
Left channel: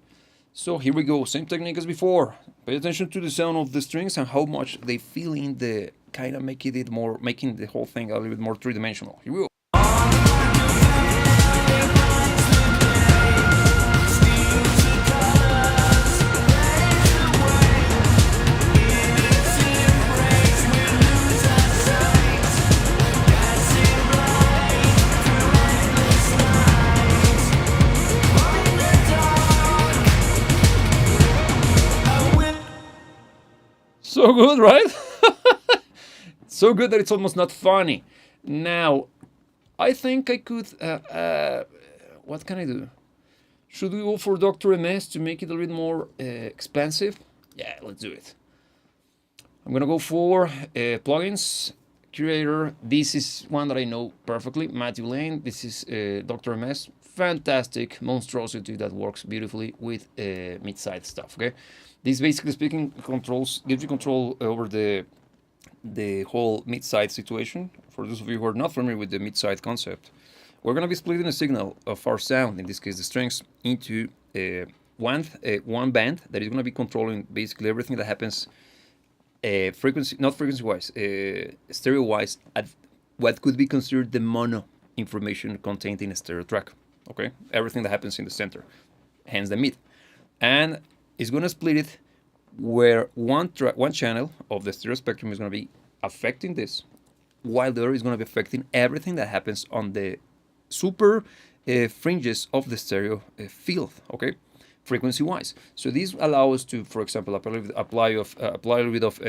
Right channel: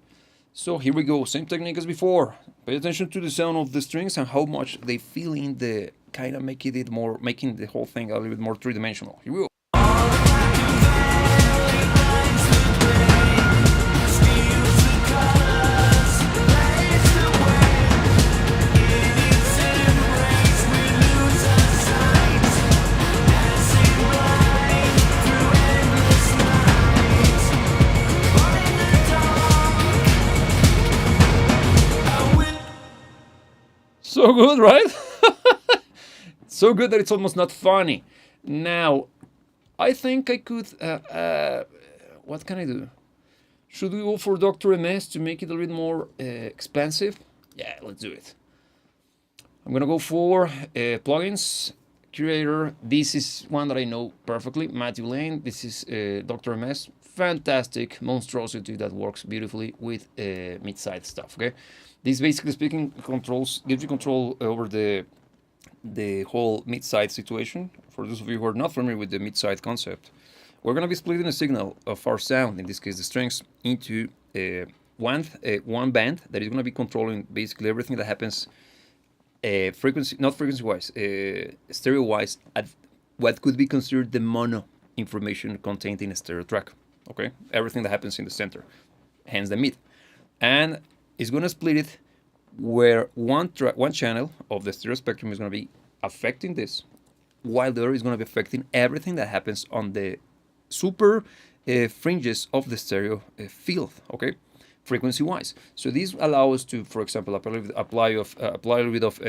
So here we go, same technique as before. Pay attention to the sound of the strings and how much they feel in the kind of making the whole thing a little bit more three-dimensional. Here we go. So good, right? So good that it's almost not funny. Now, I think I could. What can I do? Should we go for Dr. MS to make it a little bit more expensive? Yeah, let's do it. I'm gonna go for plugins, curator. This is one that I know perfectly, Matthew Lane. This is Dr. MS. Fantastic monstrosity that works beautifully with mid-side stuff. Okay, this basically speaking gives you control over the whole mid-side situation. For those of you who are not familiar with the mid-side concept, we're gonna be splitting the signal of our sound, in this case the strings, into one band that is gonna be controlling basically everything that happens frequency-wise, stereo-wise, at what could be considered the mono information contained in a stereo track. Okay, everything that happens in the center, hence the mid, and it's gonna split it where one channel of the stereo spectrum is gonna be affecting this, while the other is gonna be affecting everything that happens on the super fringes of the stereo field. Okay, frequency-wise. So these allow us to, for example, apply a little bit of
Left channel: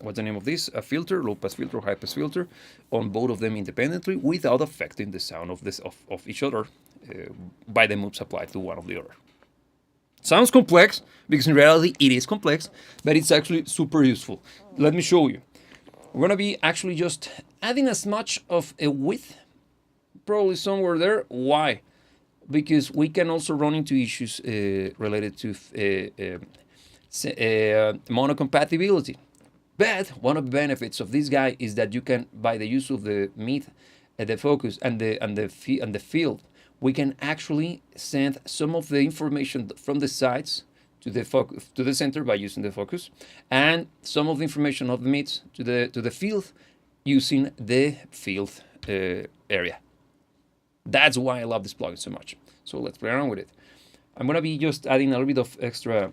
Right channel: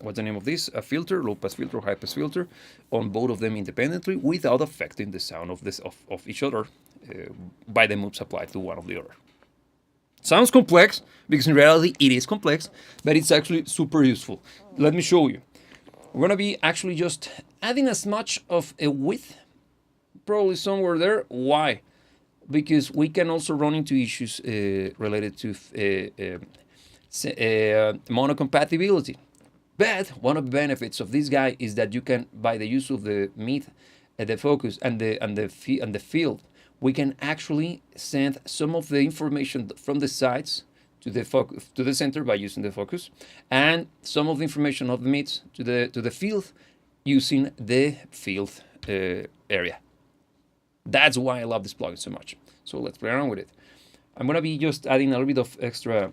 what's the name of this? A filter, low-pass filter, high-pass filter, on both of them independently without affecting the sound of each other by the moves applied to one of the other. Sounds complex, because in reality it is complex, but it's actually super useful. Let me show you. We're gonna be actually just adding as much of a width, probably somewhere there. Why? Because we can also run into issues related to monocompatibility. But one of the benefits of this guy is that you can, by the use of the mid, the focus, and the field, we can actually send some of the information from the sides to the center by using the focus, and some of the information of the mids to the field using the field area. That's why I love this plugin so much. So let's play around with it. I'm gonna be just adding a little bit of extra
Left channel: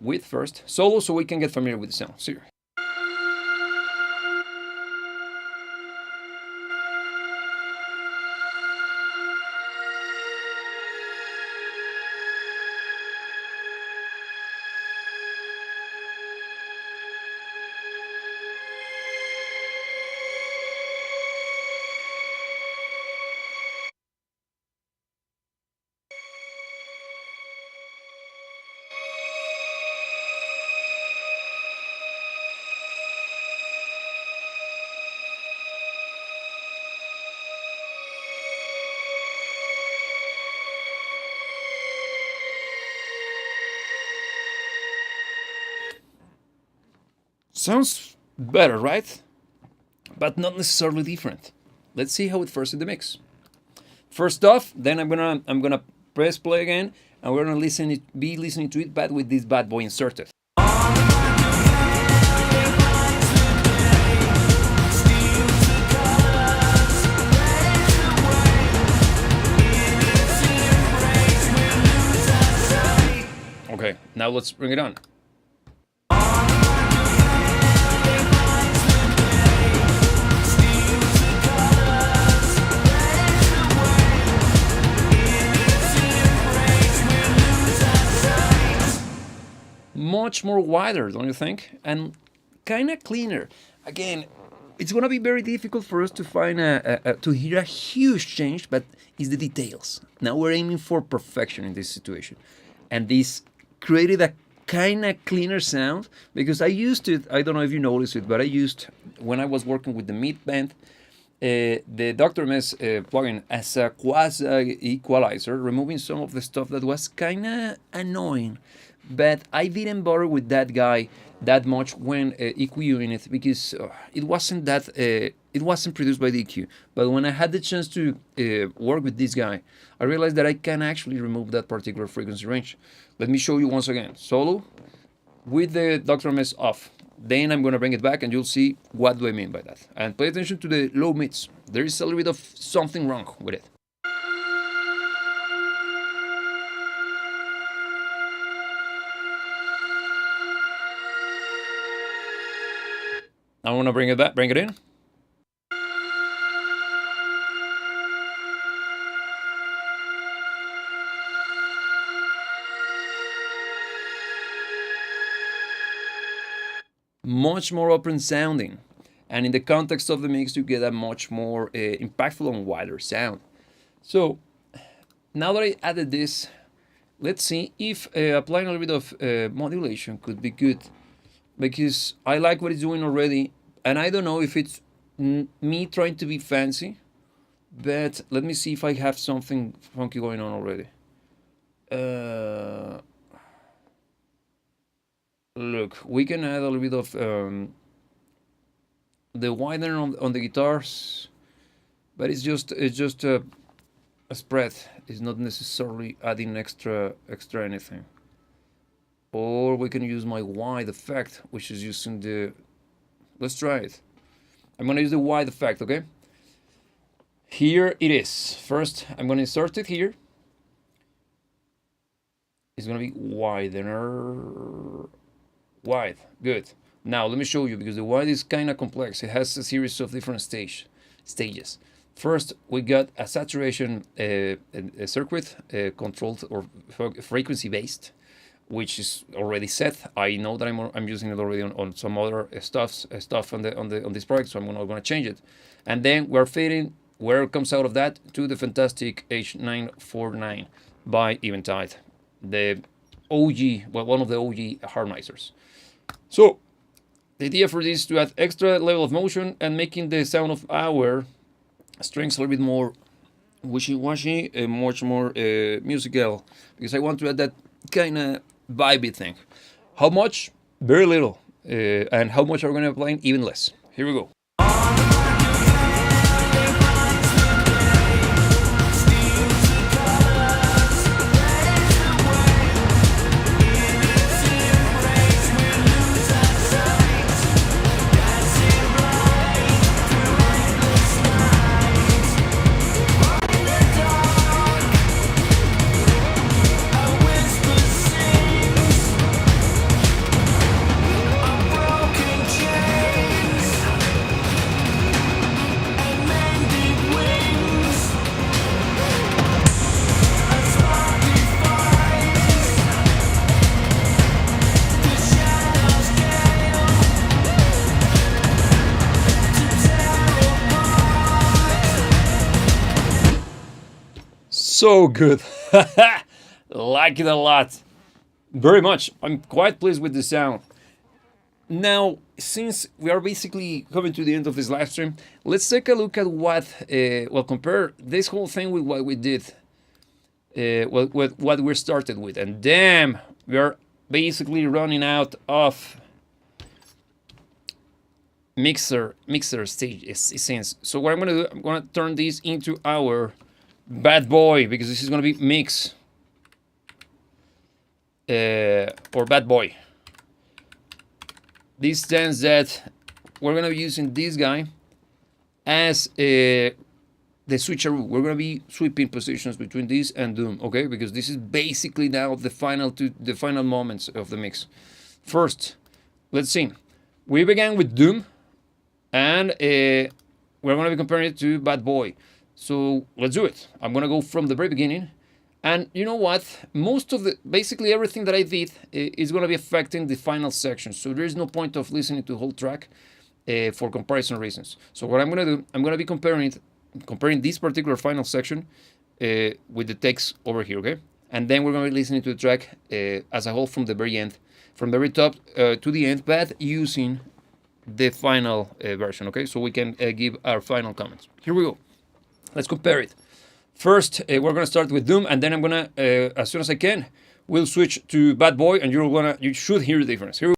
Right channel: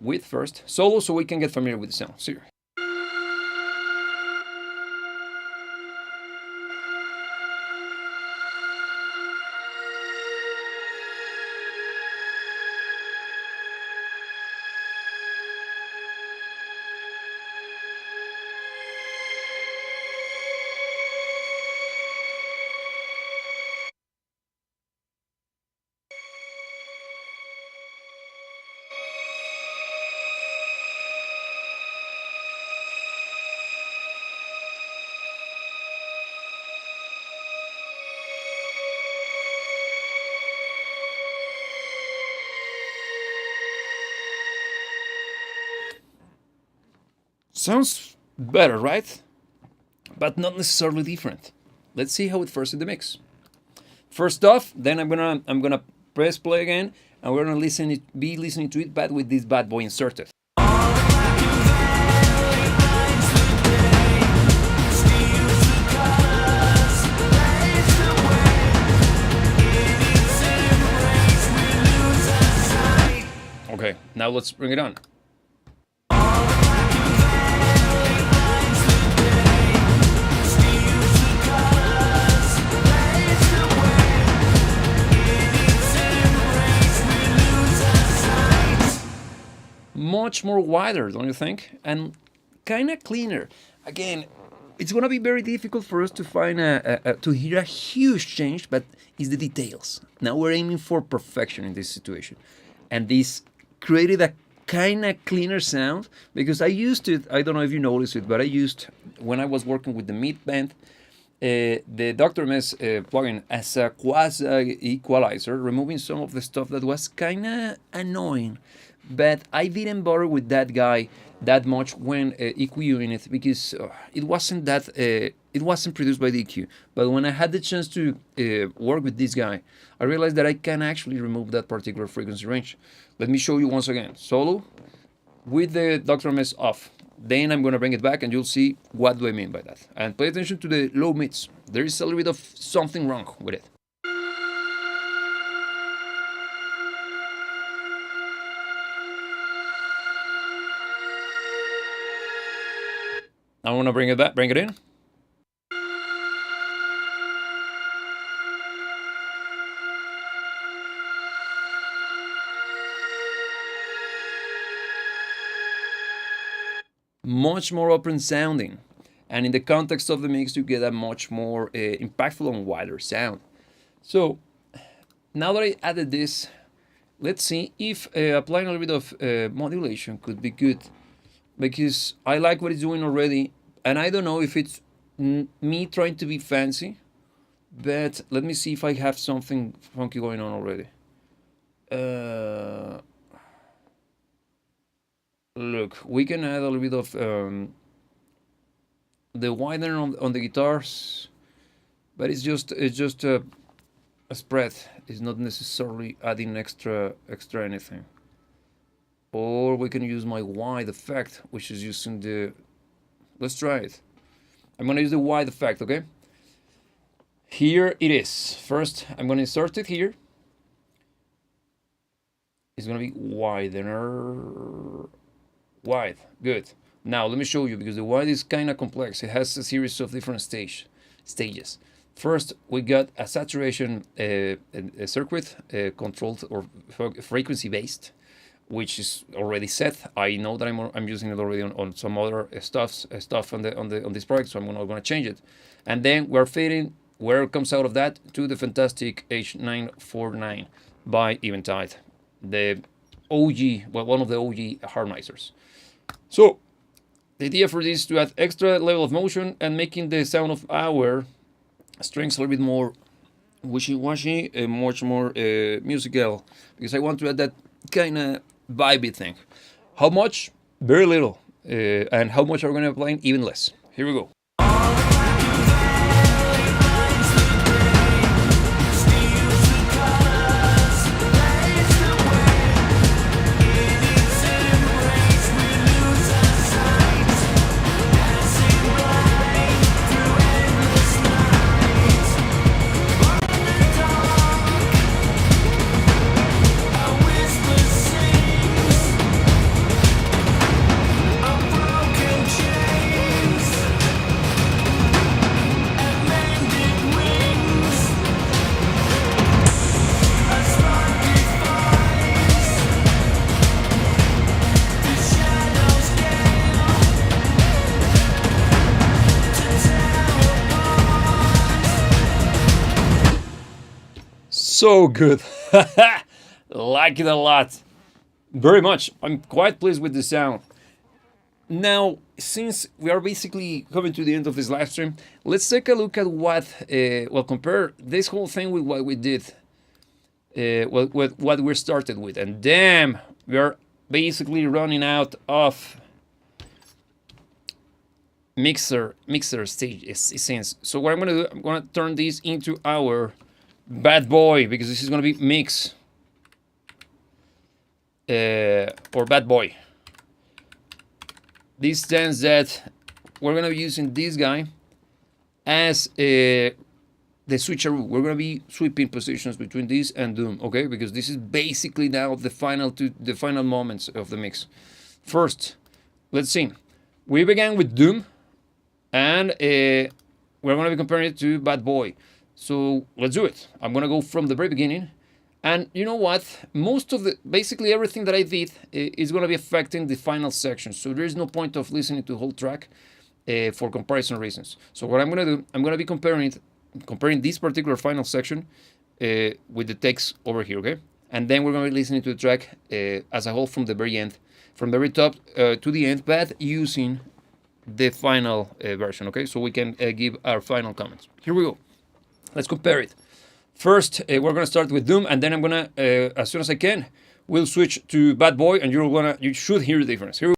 width first, solo, so we can get familiar with the sound. See. Sounds better, right? But not necessarily different. Let's see how it fares in the mix. First off, then I'm gonna press play again, and we're gonna be listening to it, but with this bad boy inserted. Okay, now let's bring it on. Much more wider, don't you think? And kind of cleaner. Again, it's gonna be very difficult for us to find to hear a huge change, but it's the details. Now we're aiming for perfection in this situation, and this created a kind of cleaner sound, because I used it. I don't know if you noticed it, but I used, when I was working with the mid band, the Dr. MS plugin as a quasi equalizer, removing some of the stuff that was kind of annoying, but I didn't bother with that guy that much when EQing it, because it wasn't produced by the EQ. But when I had the chance to work with this guy, I realized that I can actually remove that particular frequency range. Let me show you once again. Solo with the Dr. MS off. Then I'm going to bring it back and you'll see what do I mean by that. And pay attention to the low mids. There is a little bit of something wrong with it. I want to bring it back, bring it in. Much more open sounding, and in the context of the mix you get a much more impactful and wider sound. So now that I added this, let's see if applying a little bit of modulation could be good, because I like what it's doing already, and I don't know if it's me trying to be fancy, but let me see if I have something funky going on already. Look, we can add a little bit of the widener on the guitars, but it's just a spread. It's not necessarily adding extra anything. Or we can use my wide effect, which is using the. Let's try it. I'm gonna use the wide effect, okay? Here it is. First, I'm gonna insert it here. It's gonna be widener. Wide, good. Now let me show you, because the wide is kind of complex. It has a series of different stages. First, we got a saturation a circuit controlled or frequency based, which is already set. I know that I'm using it already on some other stuff on this project, so I'm gonna change it. And then we're fading where it comes out of that to the fantastic H949 by Eventide, the OG, well, one of the OG harmonizers. So the idea for this is to add extra level of motion and making the sound of our strings a little bit more wishy-washy and much more musical, because I want to add that kind of vibey thing. How much? Very little. And how much are we going to apply? Even less. Here we go. So good. Like it a lot. Very much. I'm quite pleased with the sound. Now, since we are basically coming to the end of this live stream, let's take a look at what, compare this whole thing with what we did, with what we started with. And damn, we are basically running out of mixer stage scenes. So what I'm gonna do, I'm gonna turn this into our bad boy, because this is gonna be mix or bad boy. This stands that we're gonna be using this guy as the switcheroo. We're gonna be sweeping positions between this and Doom, okay? Because this is basically now the final moments of the mix. First, let's see. We began with Doom, and we're gonna be comparing it to Bad Boy. So let's do it. I'm gonna go from the very beginning, and you know what? Basically everything that I did is gonna be affecting the final section. So there is no point of listening to the whole track for comparison reasons. So what I'm gonna do, I'm gonna be comparing this particular final section with the text over here, okay? And then we're gonna be listening to the track as a whole from the very end, from the very top to the end, but using the final version, okay? So we can give our final comments. Here we go. Let's compare it. First, we're going to start with Doom, and then I'm going to, as soon as I can, we'll switch to Bad Boy, and you should hear the difference. Here we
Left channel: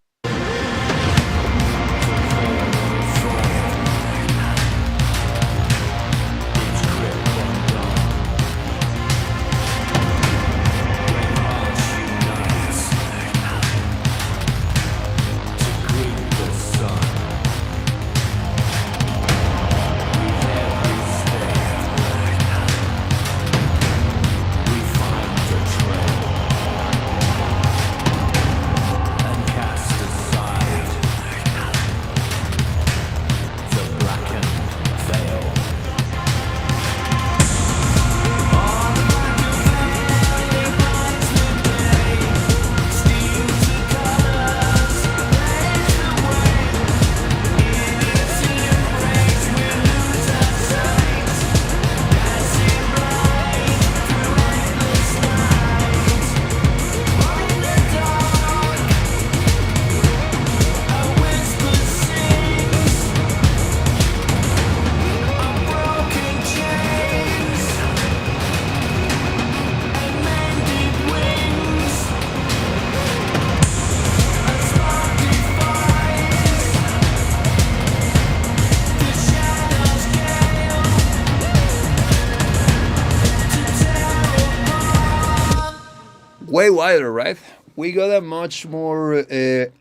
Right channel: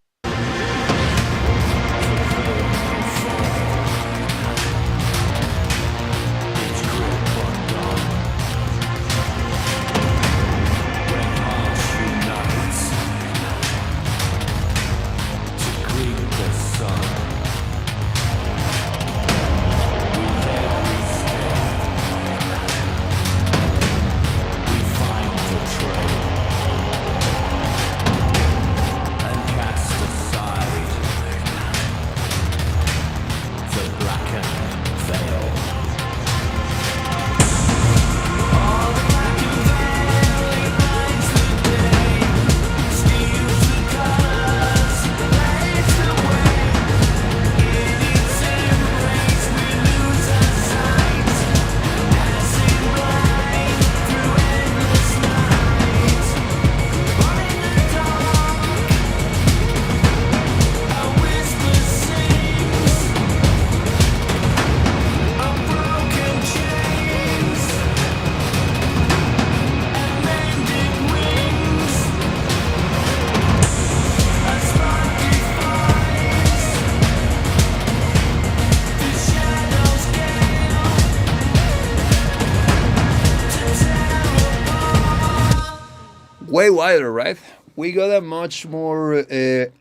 way wider, right? We got a much more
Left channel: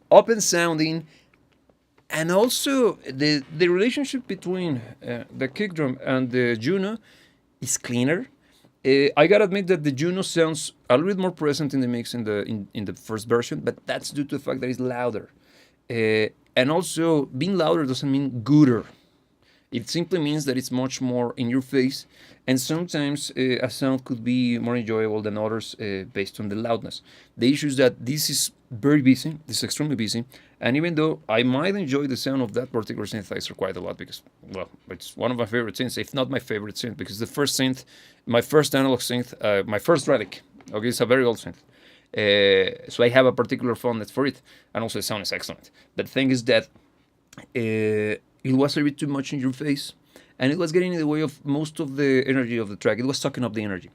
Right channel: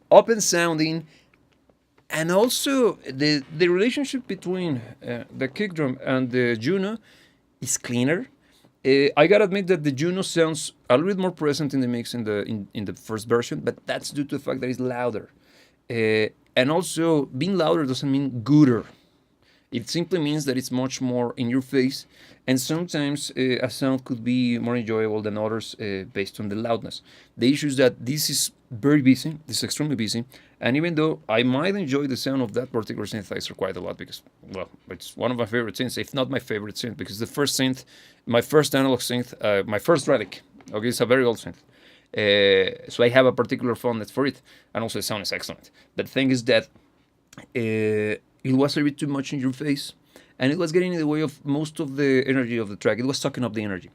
open sounding, and also the relationship between the kick drum and the Juno is cleaner. I gotta admit that the Juno sounds a little bit more present in the mix in the first version, but that's due to the fact that it's louder. And also, being louder doesn't mean gooder. It simply means that it's much more in your face, and sometimes a sound could be more enjoyable than others based on the loudness. The issue is that this is very busy, this is extremely busy, and even though I might enjoy the sound of that particular synthesizer quite a lot because, well, it's one of my favorite synths, if not my favorite synth, because the first synth, my first analog synth, my first Relic, okay, it's a very old synth. So I have a particular fondness for it, and also the sound is excellent. The thing is that it was a bit too much in your face, and it was getting in the way of most of the energy of the track. It was sucking up the energy.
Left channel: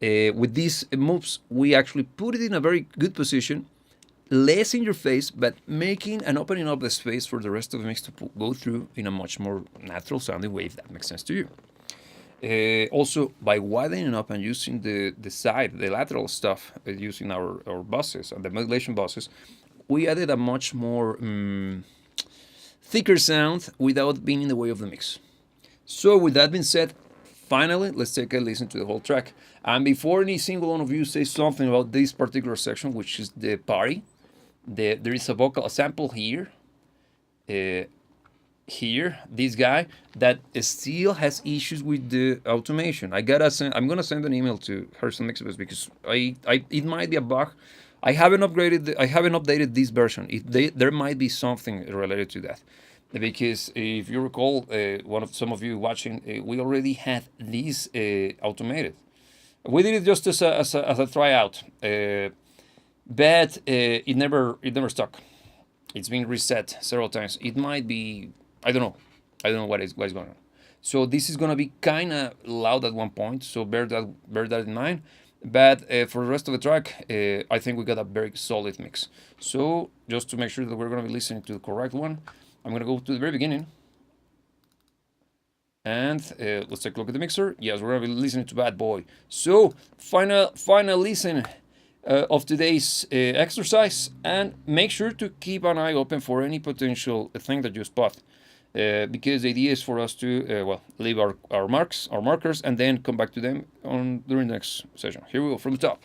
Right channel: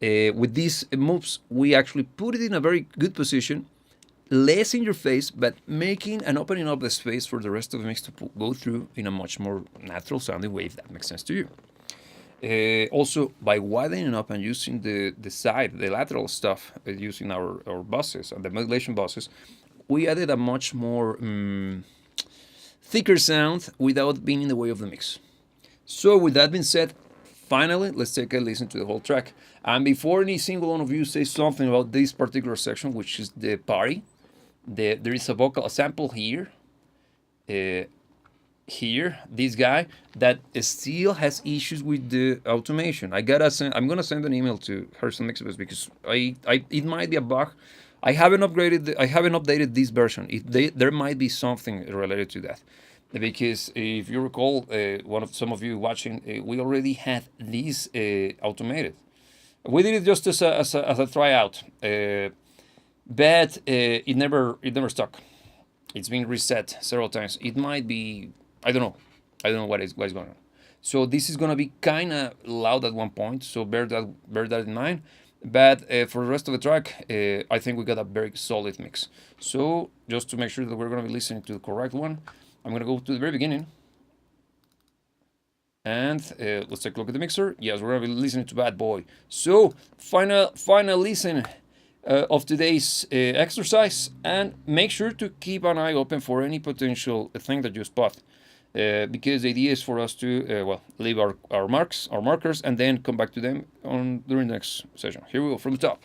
With these moves, we actually put it in a very good position, less in your face, but making and opening up the space for the rest of the mix to go through in a much more natural sounding way, if that makes sense to you. Also, by widening up and using the side, the lateral stuff, using our buses and the modulation buses, we added a much more thicker sound without being in the way of the mix. So with that being said, finally, let's take a listen to the whole track. And before any single one of you says something about this particular section, which is the party, there is a sample here, this guy that still has issues with the automation. I'm gonna send an email to Harrison Mixbus because it might be a bug. I haven't updated this version. There might be something related to that, because if you recall, some of you watching, we already had this automated. We did it just as a tryout, but it never stuck. It's been reset several times. It might be, I don't know what is going on. So this is gonna be kind of loud at one point. So bear that in mind. But for the rest of the track, I think we got a very solid mix. So just to make sure that we're gonna be listening to the correct one, I'm gonna go to the very beginning. And let's take a look at the mixer. Yes, we're gonna be listening to Bad Boy. So final listen of today's exercise, and make sure to keep an eye open for any potential thing that you spot. Because the idea is for us to leave our markers, and then come back to them during the next session. Here we go from the top.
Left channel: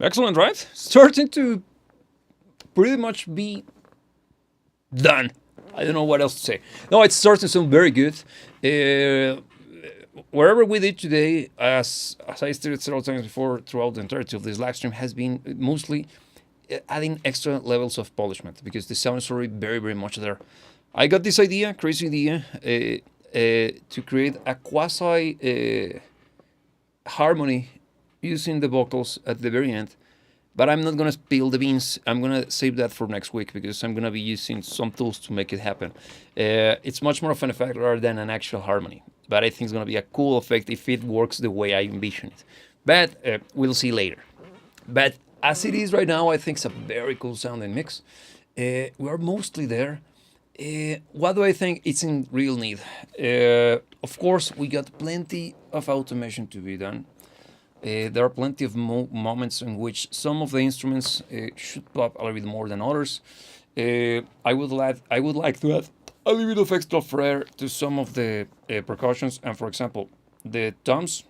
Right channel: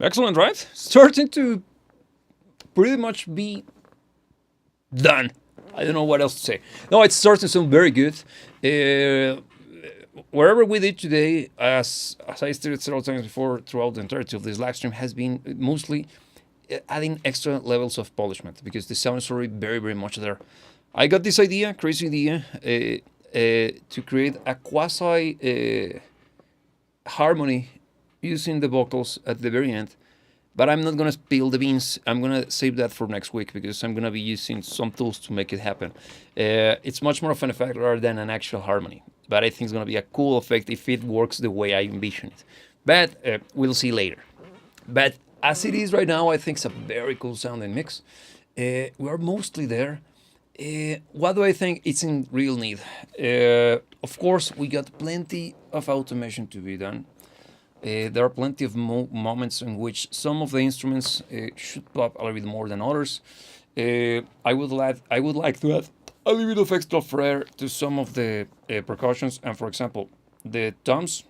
Excellent, right? Starting to pretty much be done. I don't know what else to say. No, it's starting to sound very good. Uh, Wherever we did today, as I stated several times before, throughout the entirety of this live stream, has been mostly adding extra levels of polishment because the sound is already very, very much there. I got this idea, crazy idea, to create a quasi harmony using the vocals at the very end. But I'm not gonna spill the beans. I'm gonna save that for next week because I'm gonna be using some tools to make it happen. It's much more of an effect rather than an actual harmony. But I think it's gonna be a cool effect if it works the way I envision it. But we'll see later. But as it is right now, I think it's a very cool sounding mix. We are mostly there. What do I think it's in real need? Of course, we got plenty of automation to be done. There are plenty of moments in which some of the instruments should pop a little bit more than others. I would like to add a little bit of extra flair to some of the percussions. And for example, the toms,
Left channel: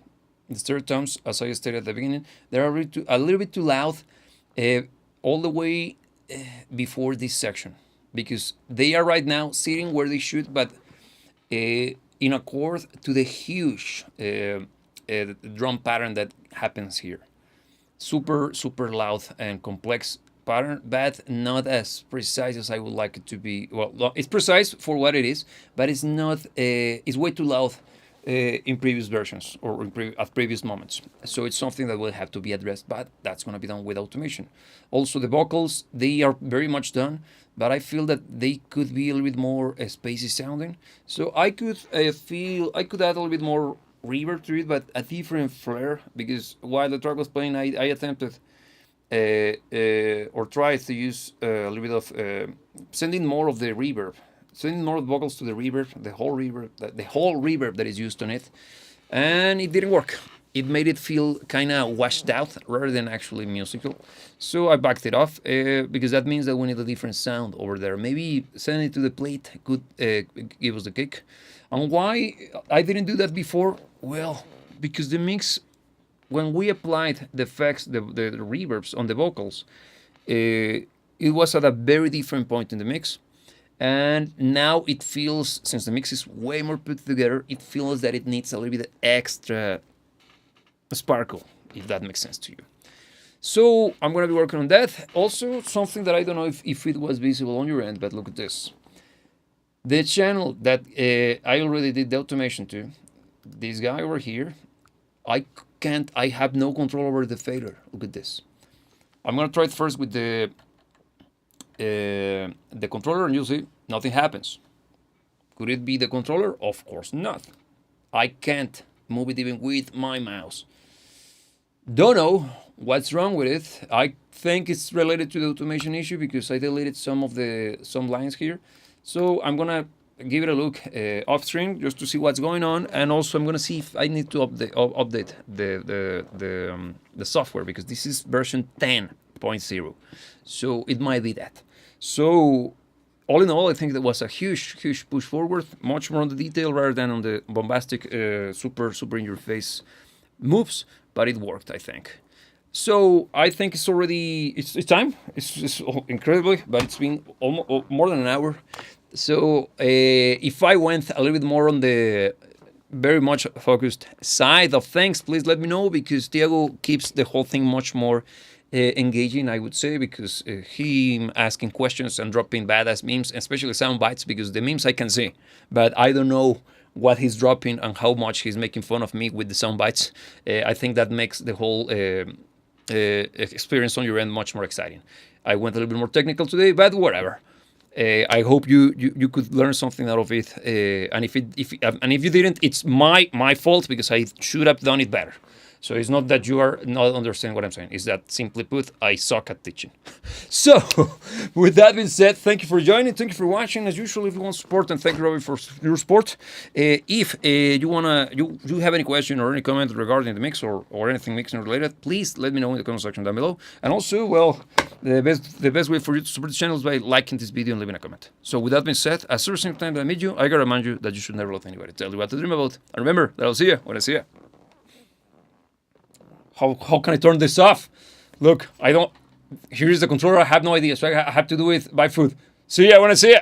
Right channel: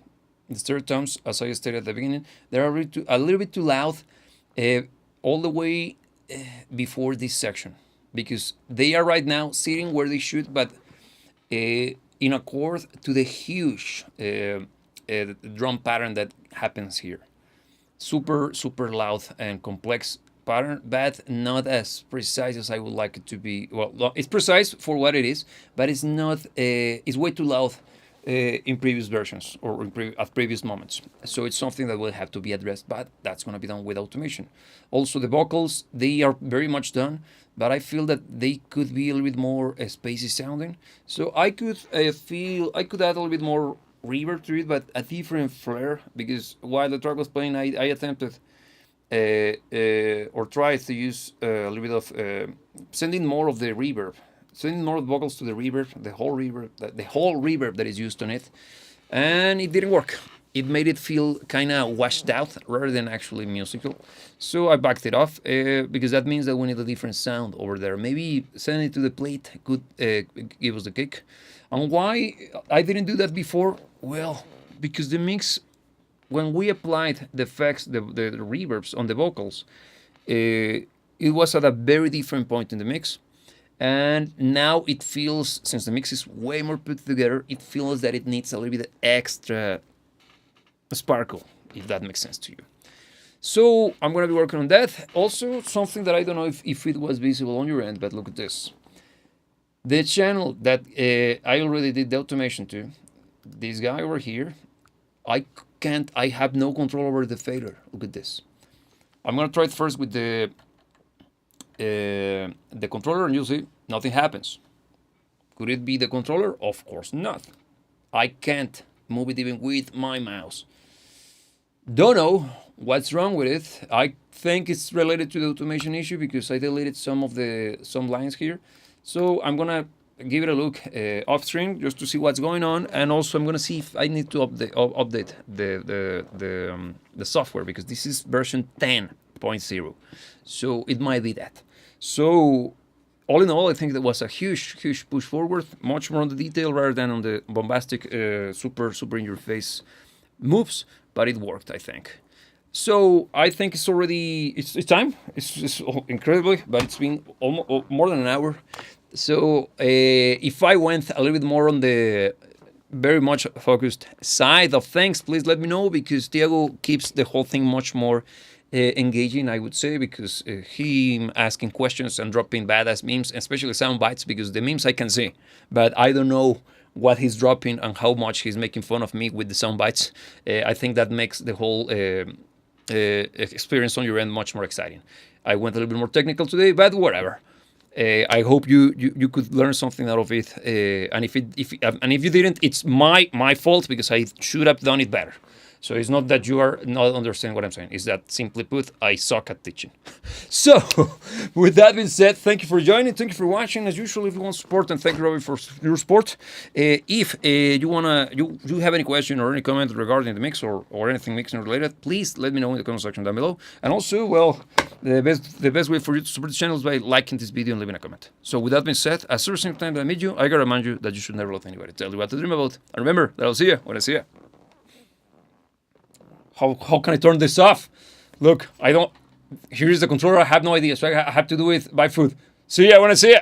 the third toms, as I stated at the beginning, they are a little bit too loud all the way before this section because they are right now sitting where they should, but in accord to the huge drum pattern that happens here. Super, super loud and complex pattern, but not as precise as I would like it to be. Well, it's precise for what it is, but it's not. It's way too loud in previous versions or at previous moments. So it's something that will have to be addressed, but that's going to be done with automation. Also, the vocals, they are very much done, but I feel that they could be a little bit more spacey sounding. So I could I could add a little bit more reverb to it, but a different flair, because while the track was playing, I attempted or tried to use a little bit of sending more of the reverb, sending more vocals to the reverb, the whole reverb that is used on it, and it didn't work. It made it feel kind of washed out rather than actually musical. So I backed it off because that means that we need a different sound over there. Maybe sending it to the plate could give us the kick. And why I didn't do that before? Well, because the mix, when we applied the effects, the reverbs on the vocals, it was at a very different point in the mix. And now it feels, since the mix is way more put together, it feels that it needs a little bit extra sparkle, if that makes sense to you. So I'm going to be working on that. Also, something that I don't know if it was visible on your end, but look at this. The channel that I already did the automation to, this guy over here, I have no control over the fader. Look at this. I'm going to try it first with the controller, and you'll see nothing happens. Could it be the controller? Of course not. I can't move it even with my mouse. Don't know what's wrong with it. I think it's related to the automation issue because I deleted some lines here. So I'm gonna give it a look off stream just to see what's going on, and also I'm gonna see if I need to update the software because this is version 10.0, so it might be that. So all in all, I think that was a huge push forward, much more on the detail rather than on the bombastic, super in your face moves, but it worked, I think. So I think it's already it's time. It's incredibly, but it's been almost more than an hour. So if I went a little bit more on the very much focused side of things, please let me know, because Diego keeps the whole thing much more engaging, I would say, because him asking questions and dropping badass memes, especially sound bites, because the memes I can see, but I don't know what he's dropping and how much he's making fun of me with the sound bites. I think that makes the whole experience on your end much more exciting. I went a little bit more technical today, but whatever. I hope you could learn something out of it. And if you didn't, it's my fault, because I should have done it better. So it's not that you are not understanding what I'm saying. It's that, simply put, I suck at teaching. So, with that being said, thank you for joining. Thank you for watching. As usual, if you want support, and thank you, Robbie, for your support. If you have any question or any comment regarding the mix or anything mixing related, please let me know in the comment section down below. And also, well, the best way for you to support the channel is by liking this video and leaving a comment. So, with that being said, as every single time that I meet you, I gotta remind you that you should never let anybody tell you what to dream about. And remember that I'll see you when I see you. How can I turn this off? Look, I don't... Here's the controller. I have no idea, so I have to do it by foot. See ya when I see ya.